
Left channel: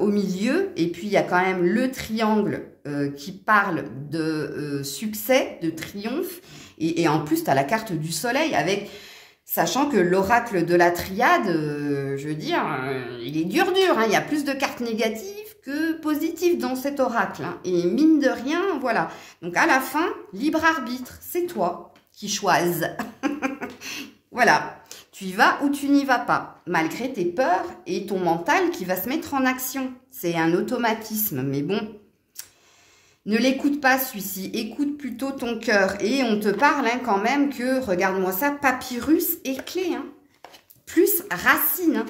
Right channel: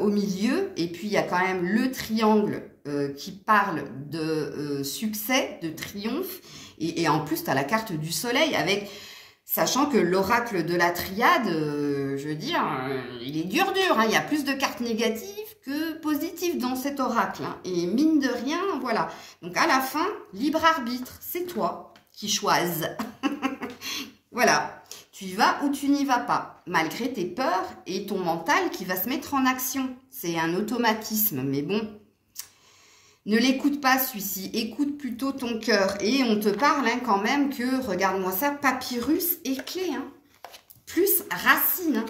au milieu. Et puis, il y a quand même le triangle qui parle de succès, de triomphe. Et en plus, tu as la carte du soleil avec... Sachant que l'oracle de la triade, je veux dire, il est dur. Hein, il y a plus de cartes négatives que positives dans cet oracle. Hein, et mine de rien, voilà. Donc, à la fin, libre arbitre, c'est toi qui choisis. Voilà. Tu y vas ou tu n'y vas pas, malgré tes peurs et ton mental qui va se mettre en action. C'est un automatisme, mais bon, ne l'écoute pas celui-ci, écoute plutôt ton cœur. Et on te parle hein, quand même que, regarde-moi ça, papyrus et clé, hein. Plus racine, hein.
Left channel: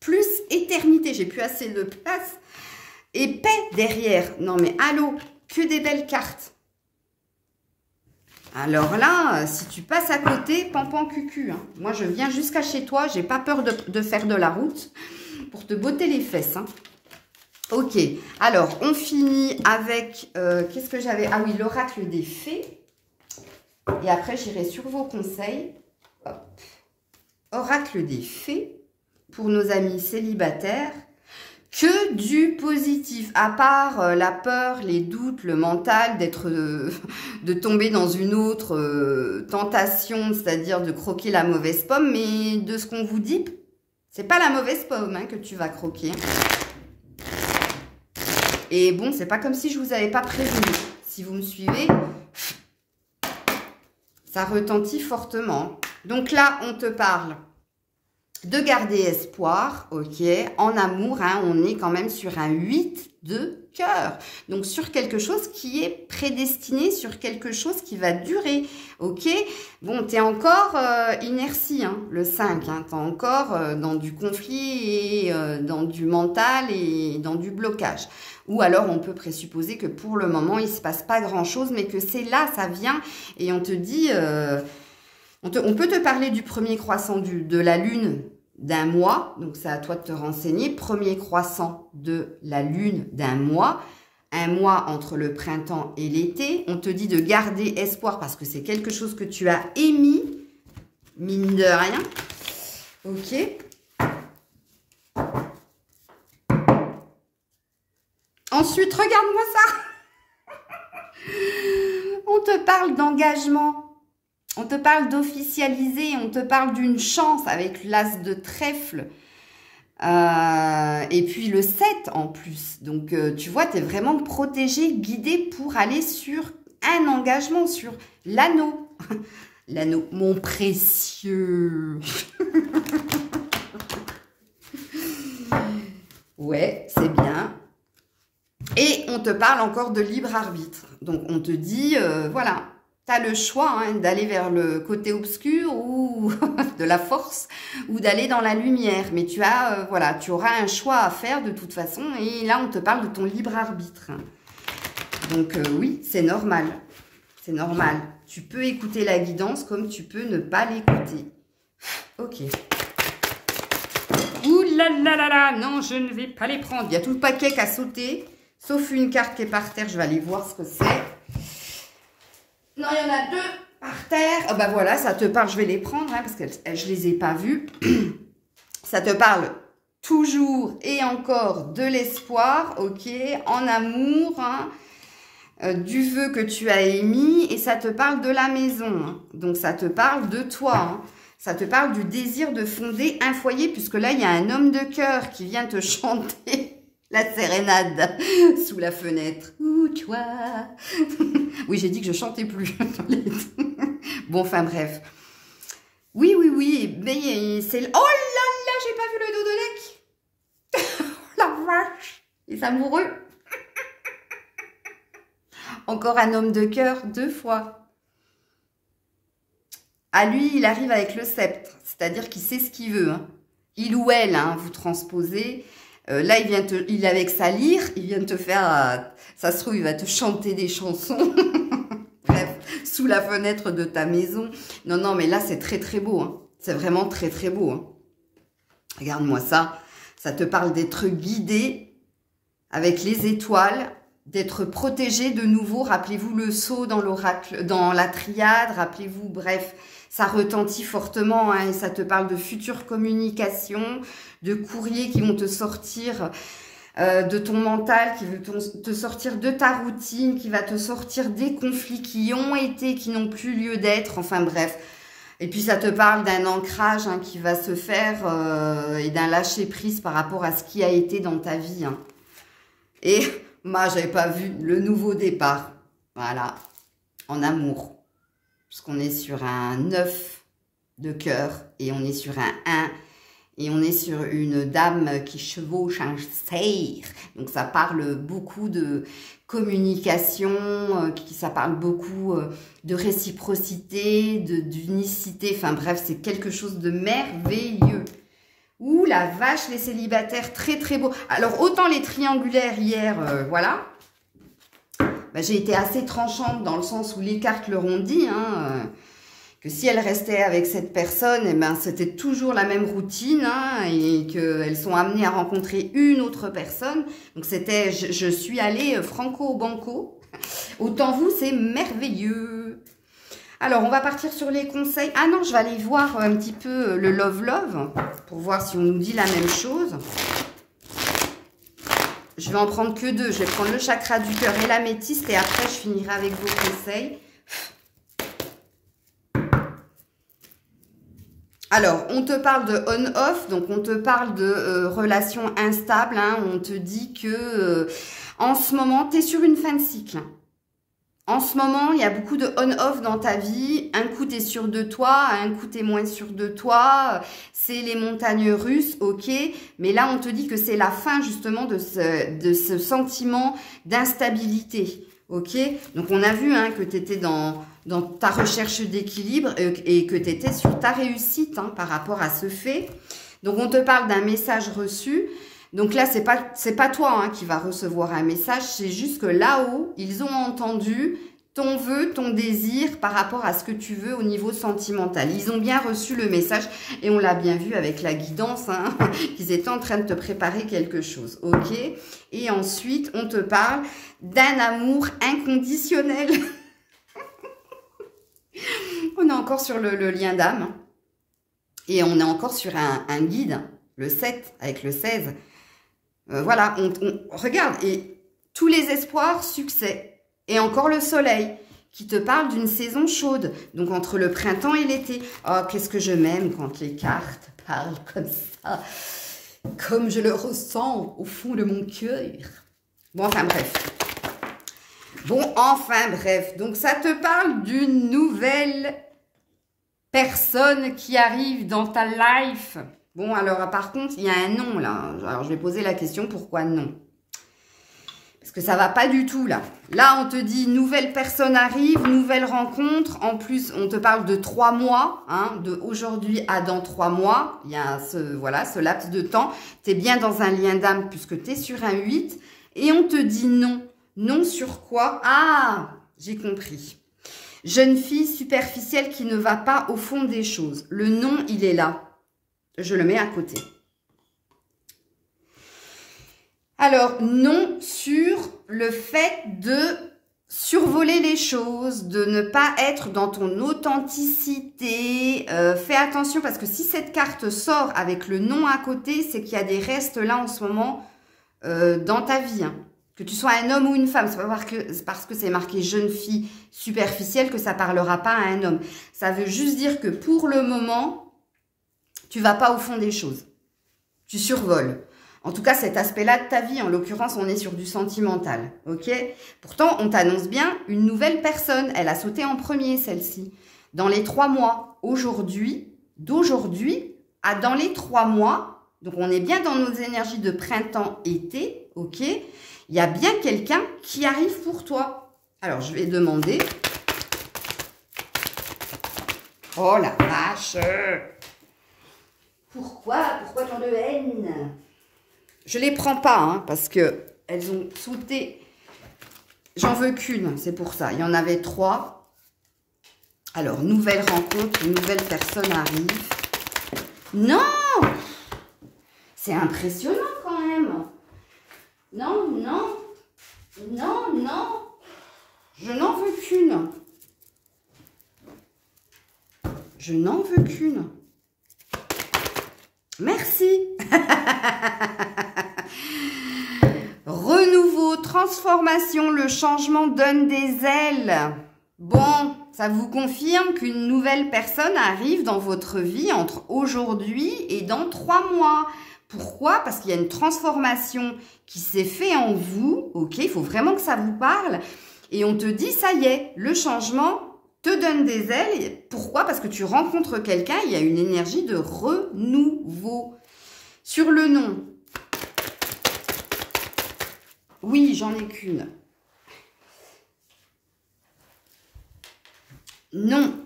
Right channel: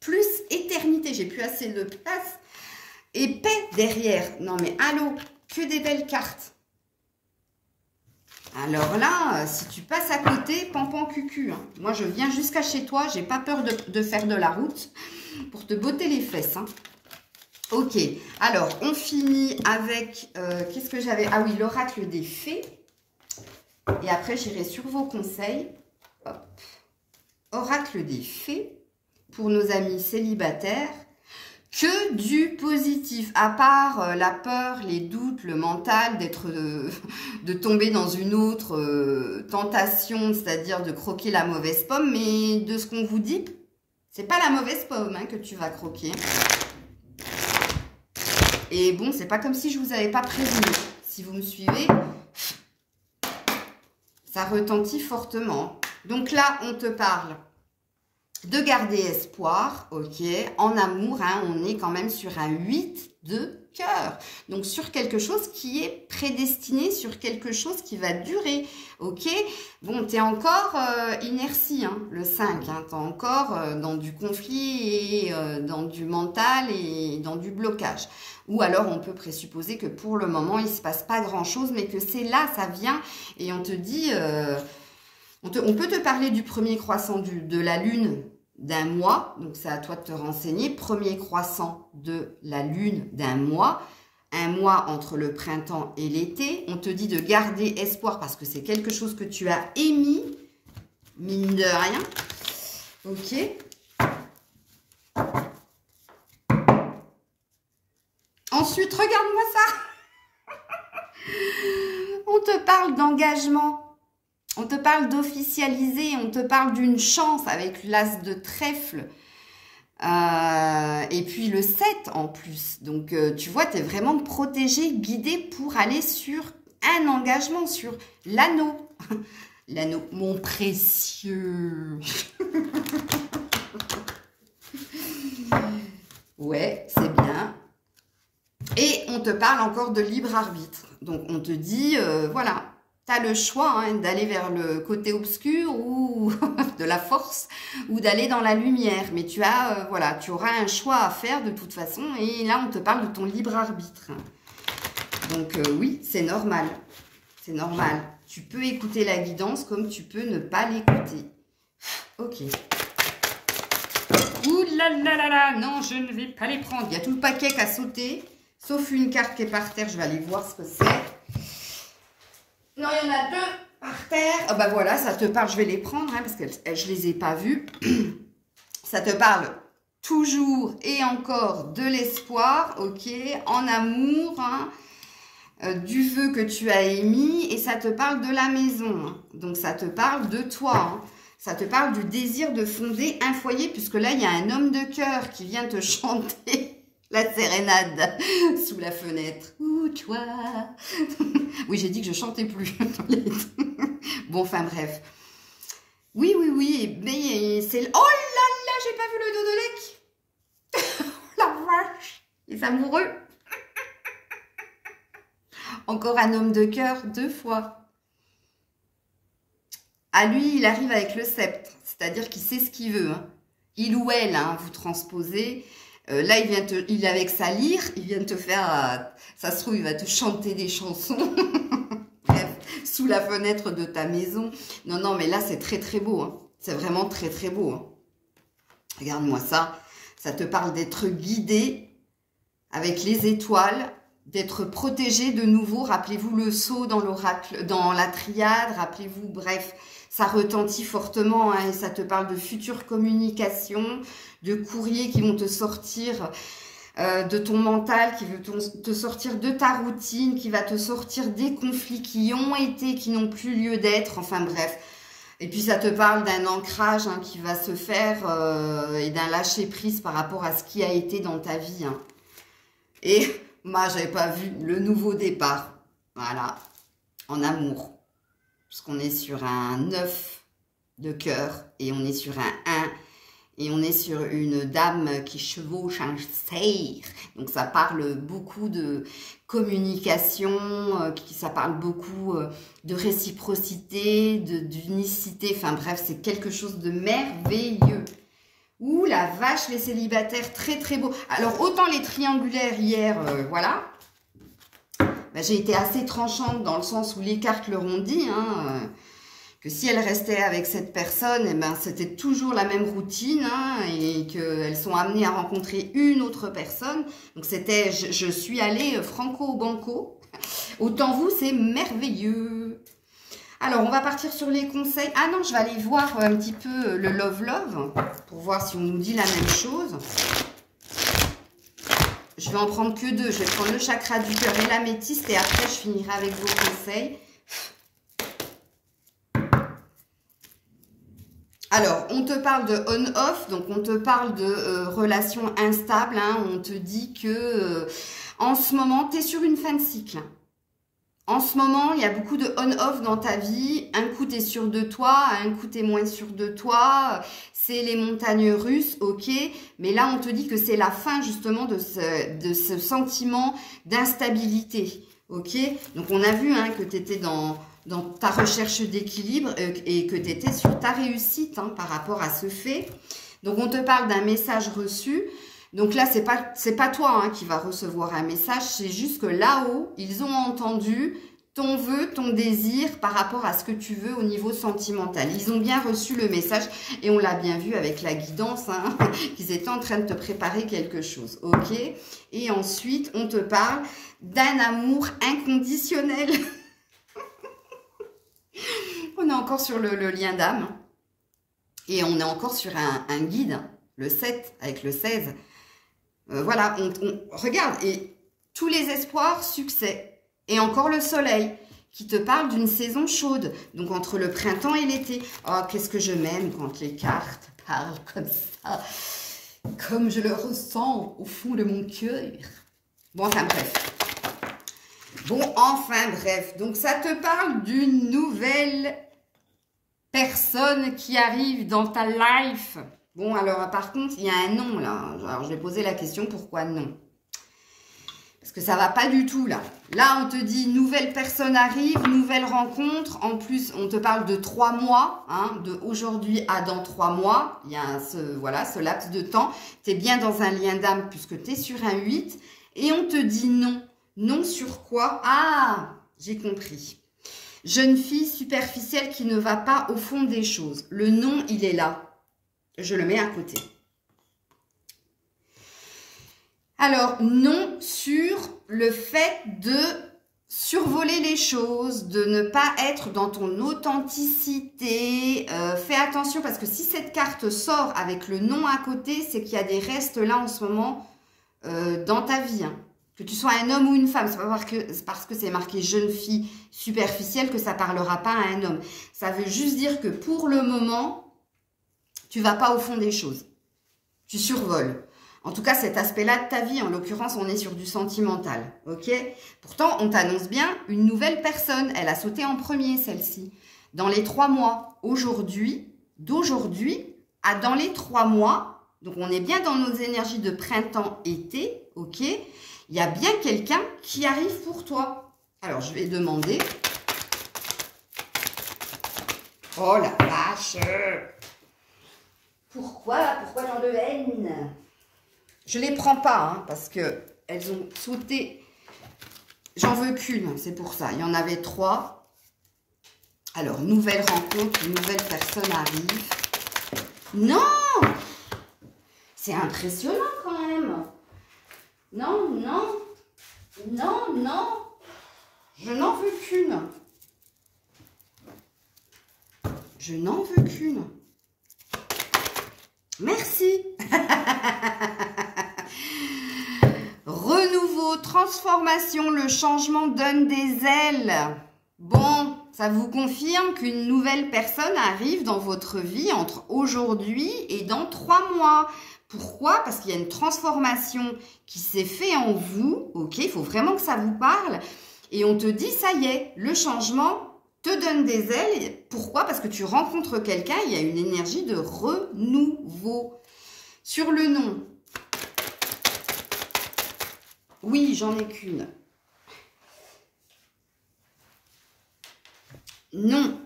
Plus éternité, j'ai plus assez de place. Et paix derrière, non mais allô, que des belles cartes. Alors là, si tu passes à côté, pampan cucu. Hein. Moi, je viens jusqu'à chez toi. J'ai pas peur de faire de la route pour te botter les fesses. Hein. Ok. Alors, on finit avec... qu'est-ce que j'avais? Ah oui, l'oracle des fées. Et après, j'irai sur vos conseils. Hop. Oracle des fées pour nos amis célibataires. Que du positif, à part la peur, les doutes, le mental, de tomber dans une autre tentation, c'est-à-dire de croquer la mauvaise pomme, mais de ce qu'on vous dit, c'est pas la mauvaise pomme hein, que tu vas croquer. Et bon, c'est pas comme si je vous avais pas prévenu. Si vous me suivez, ça retentit fortement. Donc là, on te parle de garder espoir, ok, en amour, hein, on est quand même sur un 8 de cœur. Donc, sur quelque chose qui est prédestiné, sur quelque chose qui va durer, ok. Bon, tu es encore inertie, hein, le 5, hein, tu es encore dans du conflit et dans du mental et dans du blocage. Ou alors, on peut présupposer que pour le moment, il ne se passe pas grand-chose, mais que c'est là, ça vient et on te dit... On peut te parler du premier croissant de la lune d'un mois. Donc, c'est à toi de te renseigner. Premier croissant de la lune d'un mois. Un mois entre le printemps et l'été. On te dit de garder espoir parce que c'est quelque chose que tu as émis. Mine de rien. Ok. Ensuite, regarde-moi ça. On te parle d'engagement. On te parle d'officialiser, on te parle d'une chance avec l'as de trèfle. Et puis le 7 en plus. Donc, tu vois, tu es vraiment protégé, guidé pour aller sur un engagement, sur l'anneau. L'anneau, mon précieux. Ouais, c'est bien. Et on te parle encore de libre arbitre. Donc, on te dit, voilà... tu as le choix hein, d'aller vers le côté obscur ou de la force ou d'aller dans la lumière. Mais tu as, voilà, tu auras un choix à faire de toute façon. Et là, on te parle de ton libre arbitre. Donc oui, c'est normal. C'est normal. Tu peux écouter la guidance comme tu peux ne pas l'écouter. Ok. Ouh là là là là, non, je ne vais pas les prendre. Il y a tout le paquet qui a sauté, sauf une carte qui est par terre. Je vais aller voir ce que c'est. Non, il y en a deux par terre. Ah bah voilà, ça te parle. Je vais les prendre hein, parce que je les ai pas vues. Ça te parle toujours et encore de l'espoir, ok, en amour, hein. Du vœu que tu as émis et ça te parle de la maison. Hein. Donc, ça te parle de toi. Hein. Ça te parle du désir de fonder un foyer puisque là, il y a un homme de cœur qui vient te chanter la sérénade sous la fenêtre. Ouh, toi. Oui, j'ai dit que je chantais plus. Bon, enfin, bref. Oui, oui, oui. Mais c'est... Oh là là, j'ai pas vu le dos de Lec. La vache. Les amoureux. Encore un homme de cœur, 2 fois. À lui, il arrive avec le sceptre, c'est-à-dire qu'il sait ce qu'il veut. Hein. Il ou elle, hein, vous transposez. Là, il est avec sa lyre, il vient de te faire... ça se trouve, il va te chanter des chansons. Bref, sous la fenêtre de ta maison. Non, non, mais là, c'est très, très beau. Hein. C'est vraiment très, très beau. Hein. Regarde-moi ça. Ça te parle d'être guidé avec les étoiles, d'être protégé de nouveau. Rappelez-vous le saut dans l'oracle, dans la triade. Rappelez-vous, bref, ça retentit fortement. Hein, et ça te parle de futures communications, de courriers qui vont te sortir de ton mental, qui veut te sortir de ta routine, qui va te sortir des conflits qui ont été, qui n'ont plus lieu d'être. Enfin bref. Et puis ça te parle d'un ancrage hein, qui va se faire et d'un lâcher prise par rapport à ce qui a été dans ta vie. Hein. Et moi, j'avais pas vu le nouveau départ. Voilà, en amour. Puisqu'on est sur un 9 de cœur et on est sur un 1 et on est sur une dame qui chevauche un cerf. Donc ça parle beaucoup de communication, ça parle beaucoup de réciprocité, d'unicité. Enfin bref, c'est quelque chose de merveilleux. Ouh la vache, les célibataires, très très beau. Alors autant les triangulaires hier, voilà. Ben, j'ai été assez tranchante dans le sens où les cartes leur ont dit, hein, que si elle restait avec cette personne, eh ben, c'était toujours la même routine hein, et qu'elles sont amenées à rencontrer une autre personne. Donc c'était, je suis allée franco-banco. Autant vous, c'est merveilleux. Alors, on va partir sur les conseils. Ah non, je vais aller voir un petit peu le Love Love pour voir si on nous dit la même chose. Je vais en prendre que 2. Je vais prendre le chakra du cœur et l'améthyste et après, je finirai avec vos conseils. Alors, on te parle de on-off, donc on te parle de relations instables. Hein, on te dit que en ce moment, tu es sur une fin de cycle. En ce moment, il y a beaucoup de on-off dans ta vie. Un coup, tu es sûr de toi, un coup, tu es moins sûr de toi. C'est les montagnes russes, ok. Mais là, on te dit que c'est la fin justement de ce sentiment d'instabilité, ok. Donc, on a vu hein, que tu étais dans ta recherche d'équilibre et que tu étais sur ta réussite hein, par rapport à ce fait. Donc, on te parle d'un message reçu. Donc là, c'est pas toi hein, qui va recevoir un message, c'est juste que là-haut, ils ont entendu ton vœu, ton désir par rapport à ce que tu veux au niveau sentimental. Ils ont bien reçu le message et on l'a bien vu avec la guidance, hein, qu'ils étaient en train de te préparer quelque chose, ok? Et ensuite, on te parle d'un amour inconditionnel. On est encore sur le lien d'âme et on est encore sur un guide, le 7 avec le 16. Voilà, regarde, et tous les espoirs, succès. Et encore le soleil, qui te parle d'une saison chaude. Donc, entre le printemps et l'été. Oh, qu'est-ce que je m'aime quand les cartes parlent comme ça. Comme je le ressens au fond de mon cœur. Bon, enfin, bref. Bon, enfin, bref. Donc, ça te parle d'une nouvelle personne qui arrive dans ta life. Bon, alors, par contre, il y a un nom, là. Alors, je vais poser la question, pourquoi non? Parce que ça va pas du tout, là. Là, on te dit, nouvelle personne arrive, nouvelle rencontre. En plus, on te parle de 3 mois, hein, de aujourd'hui à dans 3 mois. Il y a ce laps de temps. Tu es bien dans un lien d'âme puisque tu es sur un 8. Et on te dit non. Non sur quoi? Ah, j'ai compris. Jeune fille superficielle qui ne va pas au fond des choses. Le non, il est là. Je le mets à côté. Alors, non sur le fait de survoler les choses, de ne pas être dans ton authenticité. Fais attention parce que si cette carte sort avec le non à côté, c'est qu'il y a des restes là en ce moment dans ta vie. Hein. Que tu sois un homme ou une femme, c'est pas parce que c'est marqué jeune fille superficielle que ça parlera pas à un homme. Ça veut juste dire que pour le moment, tu vas pas au fond des choses. Tu survoles. En tout cas, cet aspect-là de ta vie, en l'occurrence, on est sur du sentimental, ok? Pourtant, on t'annonce bien une nouvelle personne. Elle a sauté en premier, celle-ci. Dans les 3 mois, d'aujourd'hui à dans les 3 mois, donc on est bien dans nos énergies de printemps-été, ok? Il y a bien quelqu'un qui arrive pour toi. Alors, je vais demander... Oh la vache! Pourquoi tant de haine? Je les prends pas, hein, parce que elles ont sauté. J'en veux qu'une, c'est pour ça. Il y en avait 3. Alors, nouvelle rencontre, une nouvelle personne arrive. Non! C'est impressionnant quand même. Non, non, non, non. Je n'en veux qu'une. Je n'en veux qu'une. Merci. Renouveau, transformation, le changement donne des ailes. Bon, ça vous confirme qu'une nouvelle personne arrive dans votre vie entre aujourd'hui et dans 3 mois. Pourquoi? Parce qu'il y a une transformation qui s'est faite en vous. Ok, il faut vraiment que ça vous parle. Et on te dit, ça y est, le changement te donne des ailes. Pourquoi? Parce que tu rencontres quelqu'un, il y a une énergie de renouveau. Sur le nom. Oui, j'en ai qu'une. Non.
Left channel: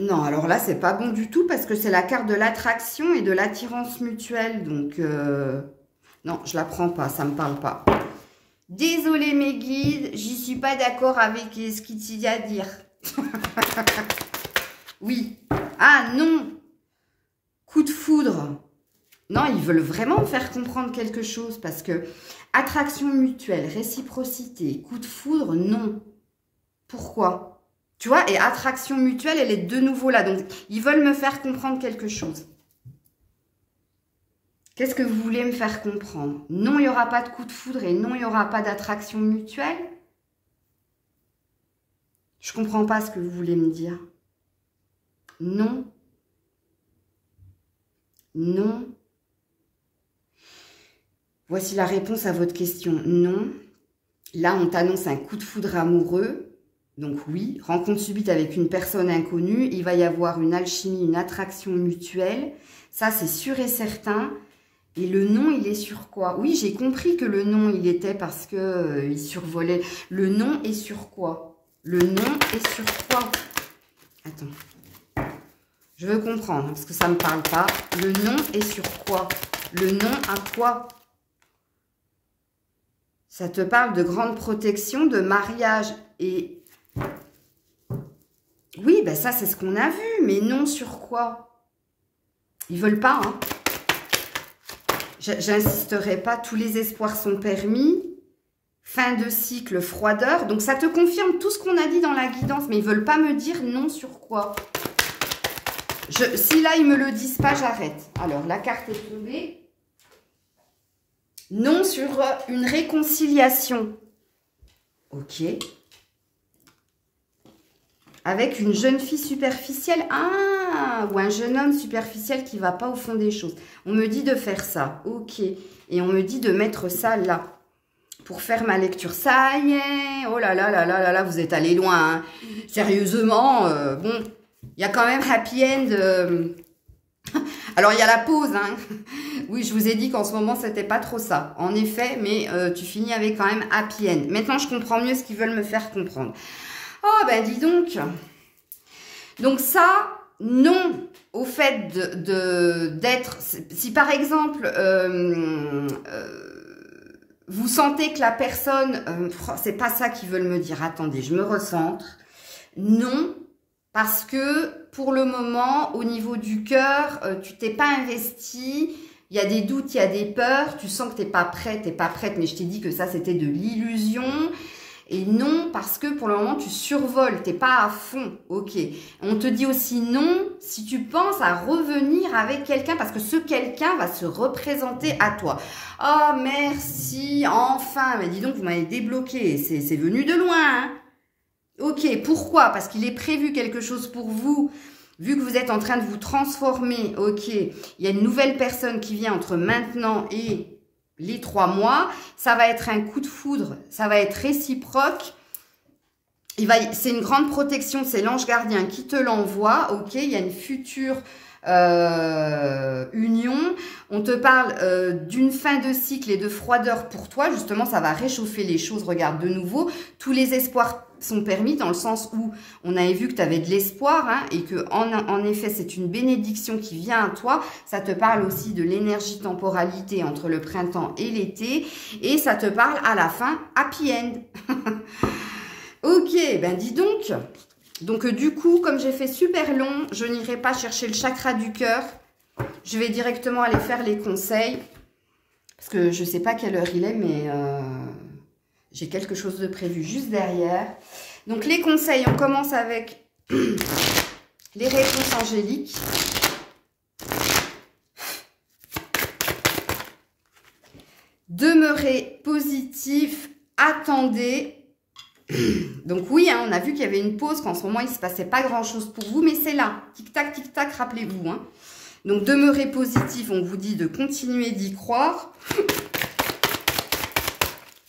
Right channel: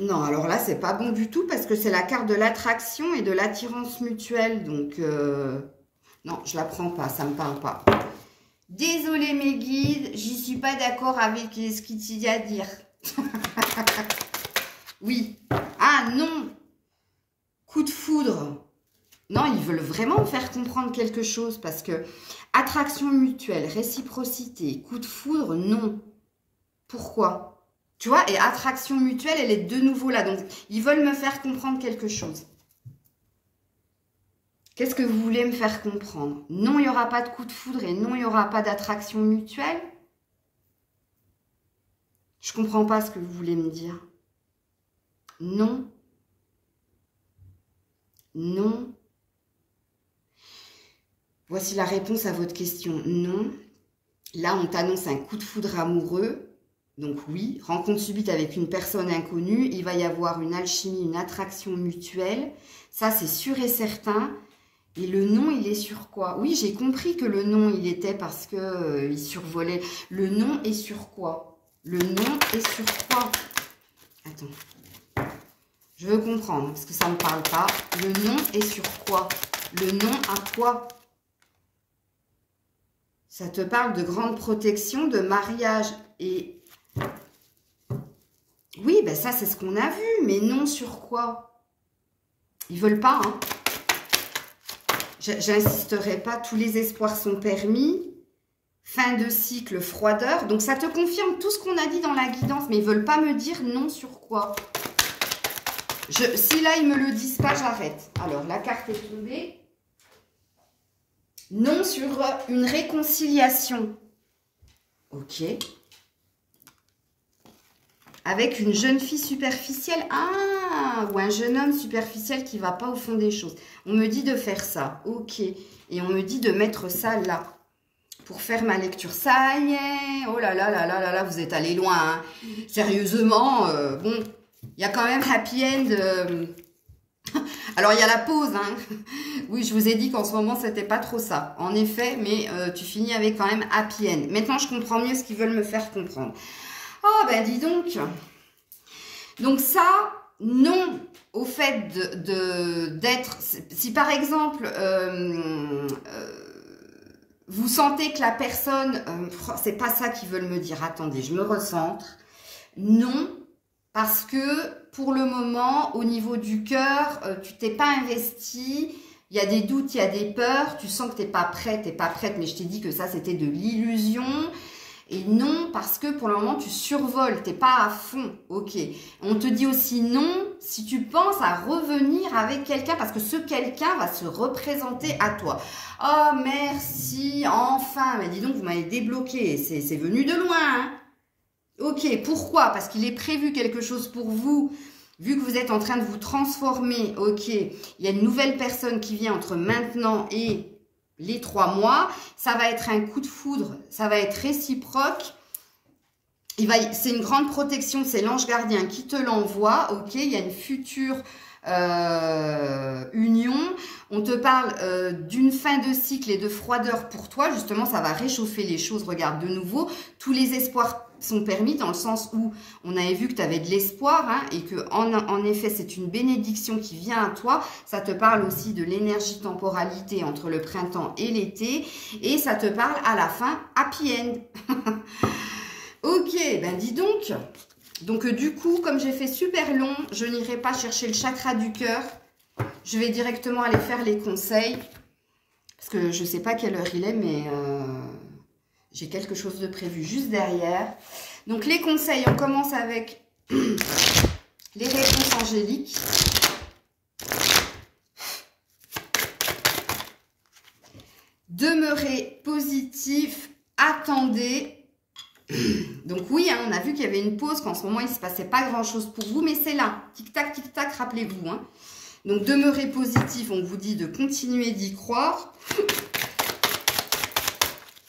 Non, alors là, c'est pas bon du tout parce que c'est la carte de l'attraction et de l'attirance mutuelle. Donc, non, je la prends pas, ça me parle pas. Désolée mes guides, j'y suis pas d'accord avec ce qu'il y a à dire. Oui. Ah non. Coup de foudre. Non, ils veulent vraiment me faire comprendre quelque chose parce que attraction mutuelle, réciprocité, coup de foudre, non. Pourquoi? Tu vois, et attraction mutuelle, elle est de nouveau là. Donc, ils veulent me faire comprendre quelque chose. Qu'est-ce que vous voulez me faire comprendre? Non, il n'y aura pas de coup de foudre et non, il n'y aura pas d'attraction mutuelle. Je ne comprends pas ce que vous voulez me dire. Non. Non. Voici la réponse à votre question. Non. Là, on t'annonce un coup de foudre amoureux. Donc oui, rencontre subite avec une personne inconnue. Il va y avoir une alchimie, une attraction mutuelle. Ça, c'est sûr et certain. Et le nom, il est sur quoi? Oui, j'ai compris que le nom, il était parce que il survolait. Le nom est sur quoi? Le nom est sur quoi? Attends. Je veux comprendre, parce que ça ne me parle pas. Le nom est sur quoi? Le nom à quoi? Ça te parle de grande protection, de mariage. Et oui, ben ça, c'est ce qu'on a vu. Mais non sur quoi? Ils veulent pas, hein. J'insisterai pas, tous les espoirs sont permis. Fin de cycle, froideur. Donc, ça te confirme tout ce qu'on a dit dans la guidance. Mais ils veulent pas me dire non sur quoi. Si là, ils me le disent pas, j'arrête. Alors, la carte est tombée. Non sur une réconciliation. Ok. Avec une jeune fille superficielle. Ah, ou un jeune homme superficiel qui va pas au fond des choses. On me dit de faire ça. Ok. Et on me dit de mettre ça là. Pour faire ma lecture. Ça y est. Oh là là là là là là, vous êtes allé loin. Hein. Sérieusement, bon, il y a quand même happy end. Alors, il y a la pause, hein. Oui, je vous ai dit qu'en ce moment, c'était pas trop ça. En effet, mais tu finis avec quand même happy end. Maintenant, je comprends mieux ce qu'ils veulent me faire comprendre. Oh, ben dis donc. Donc ça, non au fait d'être... Si par exemple, vous sentez que la personne... c'est pas ça qu'ils veulent me dire. Attendez, je me recentre. Non, parce que pour le moment, au niveau du cœur, tu t'es pas investi. Il y a des doutes, il y a des peurs. Tu sens que t'es pas prête, mais je t'ai dit que ça, c'était de l'illusion. Et non, parce que pour le moment, tu survoles, t'es pas à fond, ok. On te dit aussi non si tu penses à revenir avec quelqu'un, parce que ce quelqu'un va se représenter à toi. Oh, merci, enfin, mais dis donc, vous m'avez débloqué, c'est venu de loin, hein. Ok, pourquoi? Parce qu'il est prévu quelque chose pour vous, vu que vous êtes en train de vous transformer, ok. Il y a une nouvelle personne qui vient entre maintenant et... les 3 mois, ça va être un coup de foudre, ça va être réciproque. C'est une grande protection, c'est l'ange gardien qui te l'envoie, ok. Il y a une future union. On te parle d'une fin de cycle et de froideur pour toi. Justement, ça va réchauffer les choses. Regarde, de nouveau, tous les espoirs sont permis dans le sens où on avait vu que tu avais de l'espoir, hein, et que en effet c'est une bénédiction qui vient à toi. Ça te parle aussi de l'énergie temporalité entre le printemps et l'été, et ça te parle à la fin happy end. Ok, ben dis donc. Donc du coup, comme j'ai fait super long, je n'irai pas chercher le chakra du cœur. Je vais directement aller faire les conseils, parce que je sais pas quelle heure il est, mais j'ai quelque chose de prévu juste derrière. Donc les conseils, on commence avec les réponses angéliques. Demeurez positif, attendez. Donc oui, hein, on a vu qu'il y avait une pause, qu'en ce moment il ne se passait pas grand chose pour vous, mais c'est là, tic tac, rappelez-vous, hein. Donc demeurez positif, on vous dit de continuer d'y croire.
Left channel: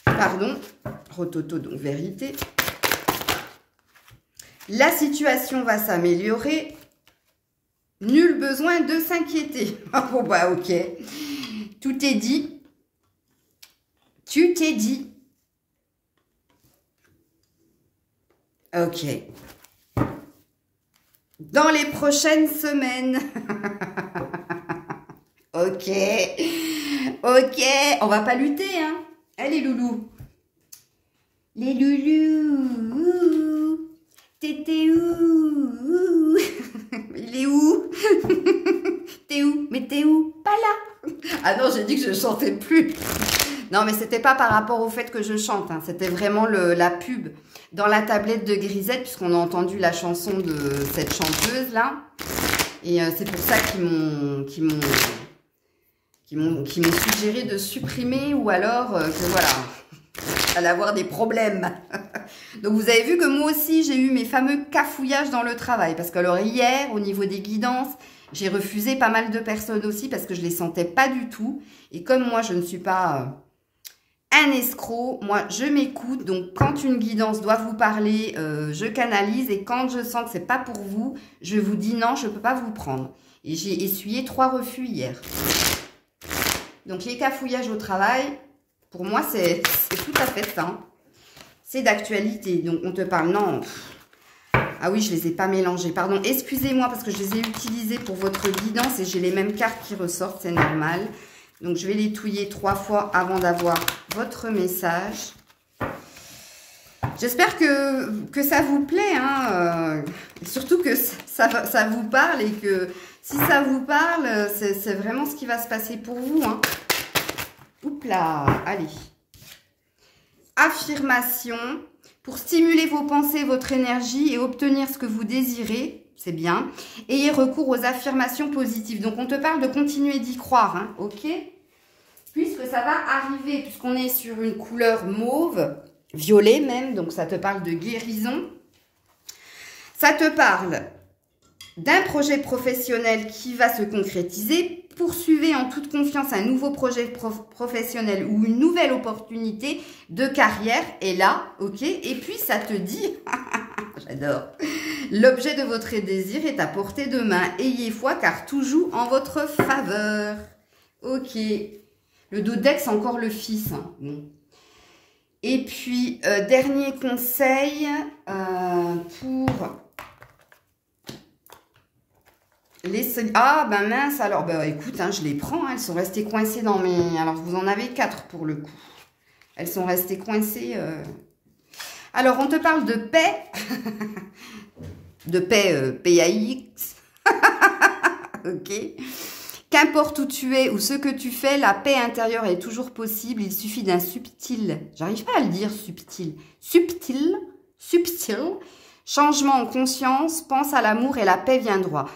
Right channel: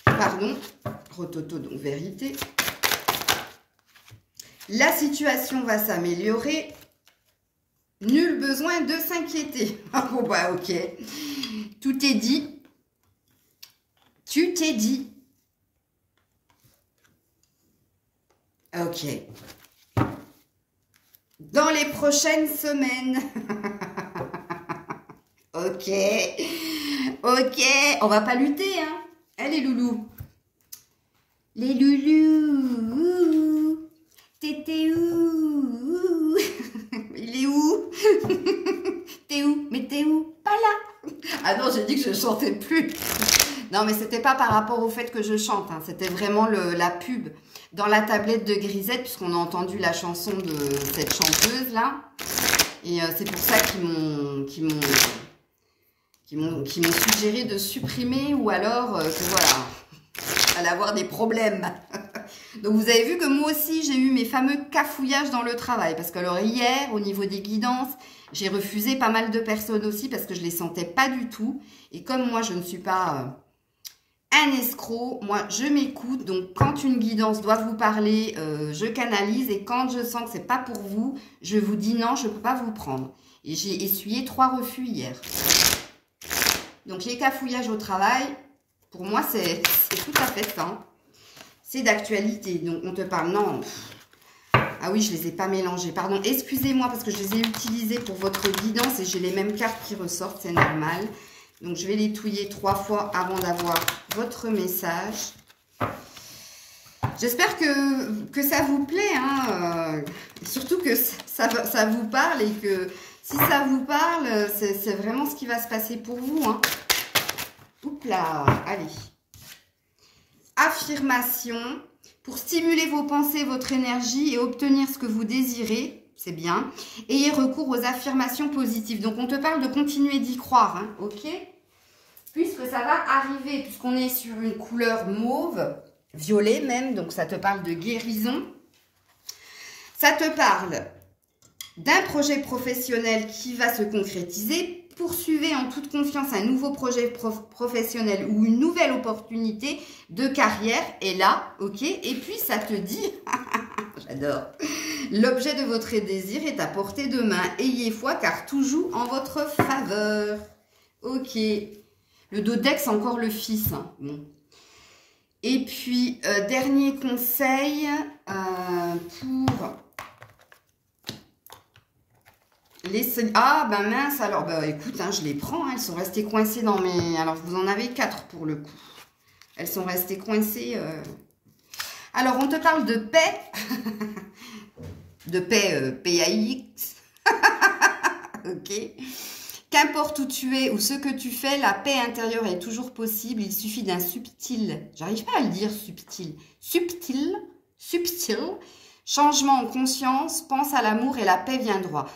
Pardon, rototo, donc vérité. La situation va s'améliorer. Nul besoin de s'inquiéter. Bon bah ok. Tout est dit. Tu t'es dit. Ok. Dans les prochaines semaines. Ok. Ok. On va pas lutter, hein. Allez, loulous. Les loulous. T'étais où? Il est où? T'es où? Mais t'es où? Pas là. Ah non, j'ai dit que je chantais plus. Non, mais c'était pas par rapport au fait que je chante, hein. C'était vraiment la pub dans la tablette de Grisette, puisqu'on a entendu la chanson de cette chanteuse-là. Et c'est pour ça qu'ils m'ont suggéré de supprimer, ou alors que voilà, allait avoir des problèmes. Donc vous avez vu que moi aussi j'ai eu mes fameux cafouillages dans le travail, parce que alors hier au niveau des guidances, j'ai refusé pas mal de personnes aussi parce que je les sentais pas du tout. Et comme moi je ne suis pas un escroc, moi je m'écoute. Donc quand une guidance doit vous parler, je canalise, et quand je sens que c'est pas pour vous, je vous dis non, je peux pas vous prendre. Et j'ai essuyé 3 refus hier. Donc les cafouillages au travail, pour moi c'est tout à fait ça, hein. C'est d'actualité. Donc on te parle, non. Ah oui, je les ai pas mélangés. Pardon, excusez-moi parce que je les ai utilisés pour votre guidance et j'ai les mêmes cartes qui ressortent, c'est normal. Donc je vais les touiller 3 fois avant d'avoir votre message. J'espère que ça vous plaît, hein. Surtout que ça vous parle, et que si ça vous parle, c'est vraiment ce qui va se passer pour vous, hein. Oups là, allez. Affirmation. Pour stimuler vos pensées, votre énergie et obtenir ce que vous désirez, c'est bien. Ayez recours aux affirmations positives. Donc, on te parle de continuer d'y croire, hein, ok? Puisque ça va arriver, puisqu'on est sur une couleur mauve, violet même, donc ça te parle de guérison. Ça te parle d'un projet professionnel qui va se concrétiser. Poursuivez en toute confiance un nouveau projet professionnel ou une nouvelle opportunité de carrière. Et là, ok. Et puis, ça te dit, j'adore, L'objet de votre désir est à portée de main. Ayez foi car tout joue en votre faveur. Ok. Le dodex, encore le fils. Hein. Bon. Et puis, dernier conseil pour les... Ah, ben mince, alors, ben écoute, hein, je les prends. Hein, elles sont restées coincées dans mes... Alors, vous en avez 4 pour le coup. Elles sont restées coincées... Alors, on te parle de paix. De paix, P-A-I-X. Ok. Qu'importe où tu es ou ce que tu fais, la paix intérieure est toujours possible. Il suffit d'un subtil, j'arrive pas à le dire subtil, subtil changement en conscience. Pense à l'amour et la paix viendra.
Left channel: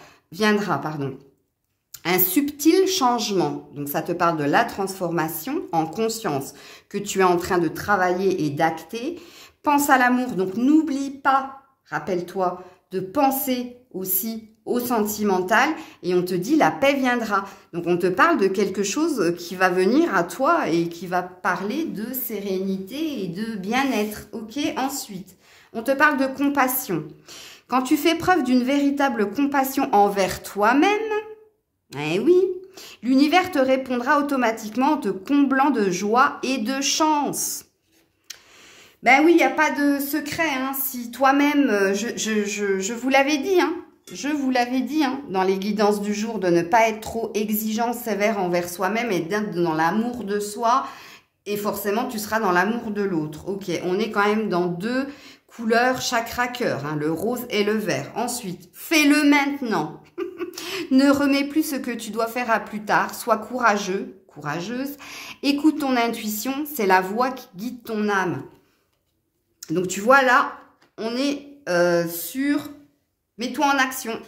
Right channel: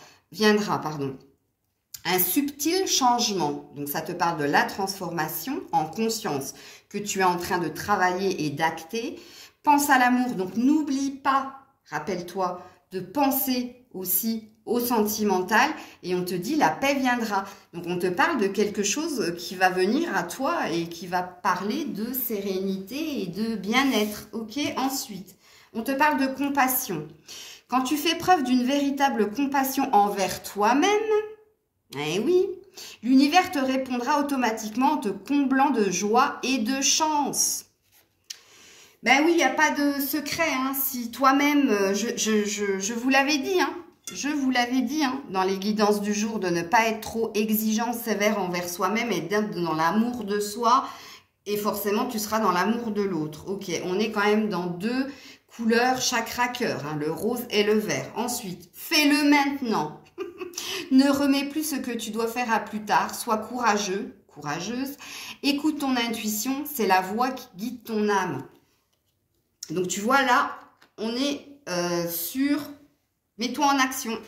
Un subtil changement. Donc, ça te parle de la transformation en conscience que tu es en train de travailler et d'acter. Pense à l'amour. Donc, n'oublie pas, rappelle-toi, de penser aussi au sentimental et on te dit la paix viendra. Donc, on te parle de quelque chose qui va venir à toi et qui va parler de sérénité et de bien-être. Ok, ensuite, on te parle de compassion. Quand tu fais preuve d'une véritable compassion envers toi-même, eh oui, l'univers te répondra automatiquement en te comblant de joie et de chance. Ben oui, il n'y a pas de secret. Hein. Si toi-même, je vous l'avais dit, hein, dans les guidances du jour, de ne pas être trop exigeant, sévère envers soi-même et d'être dans l'amour de soi. Et forcément, tu seras dans l'amour de l'autre. Ok, on est quand même dans 2 couleurs chakra cœur, hein, le rose et le vert. Ensuite, fais-le maintenant. Ne remets plus ce que tu dois faire à plus tard. Sois courageux, courageuse. Écoute ton intuition, c'est la voix qui guide ton âme. Donc, tu vois là, on est sur... Mets-toi en action.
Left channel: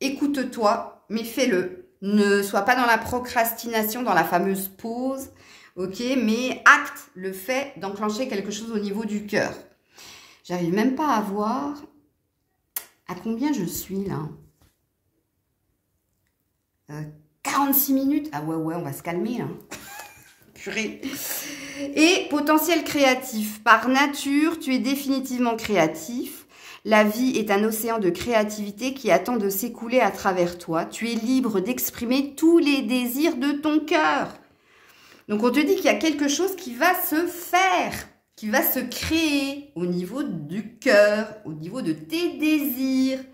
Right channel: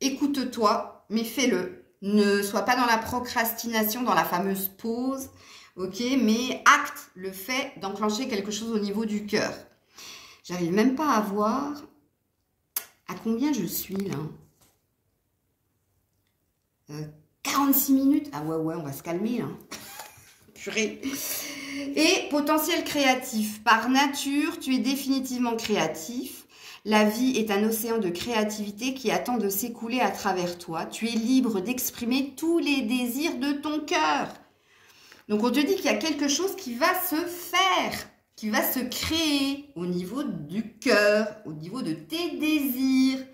Écoute-toi, mais fais-le. Ne sois pas dans la procrastination, dans la fameuse pause. Ok, mais acte le fait d'enclencher quelque chose au niveau du cœur. J'arrive même pas à voir à combien je suis là. 46 minutes. Ah ouais, on va se calmer là. Purée. Et potentiel créatif. Par nature, tu es définitivement créatif. La vie est un océan de créativité qui attend de s'écouler à travers toi. Tu es libre d'exprimer tous les désirs de ton cœur. Donc, on te dit qu'il y a quelque chose qui va se faire, qui va se créer au niveau du cœur, au niveau de tes désirs.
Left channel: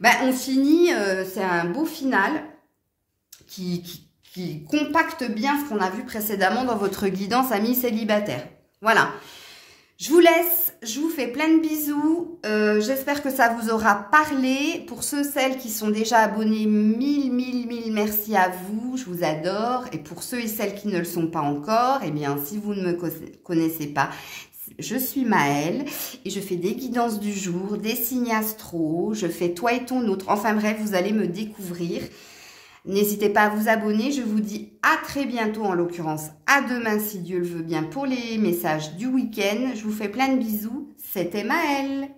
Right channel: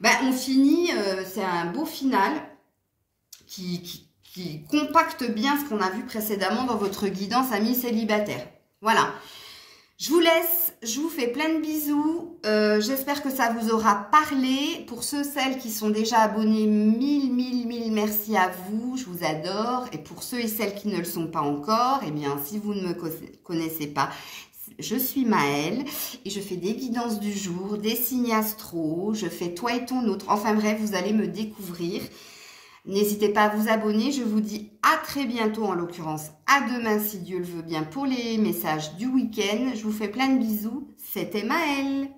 Ben, on finit, c'est un beau final qui compacte bien ce qu'on a vu précédemment dans votre guidance amis célibataires. Voilà. Je vous laisse, je vous fais plein de bisous. J'espère que ça vous aura parlé. Pour ceux, celles qui sont déjà abonnés, mille merci à vous. Je vous adore. Et pour ceux et celles qui ne le sont pas encore, eh bien, si vous ne me connaissez pas, je suis Maëlle et je fais des guidances du jour, des signes astro. Je fais toi et ton autre. Enfin bref, vous allez me découvrir. N'hésitez pas à vous abonner. Je vous dis à très bientôt, en l'occurrence à demain si Dieu le veut bien pour les messages du week-end. Je vous fais plein de bisous. C'était Maëlle.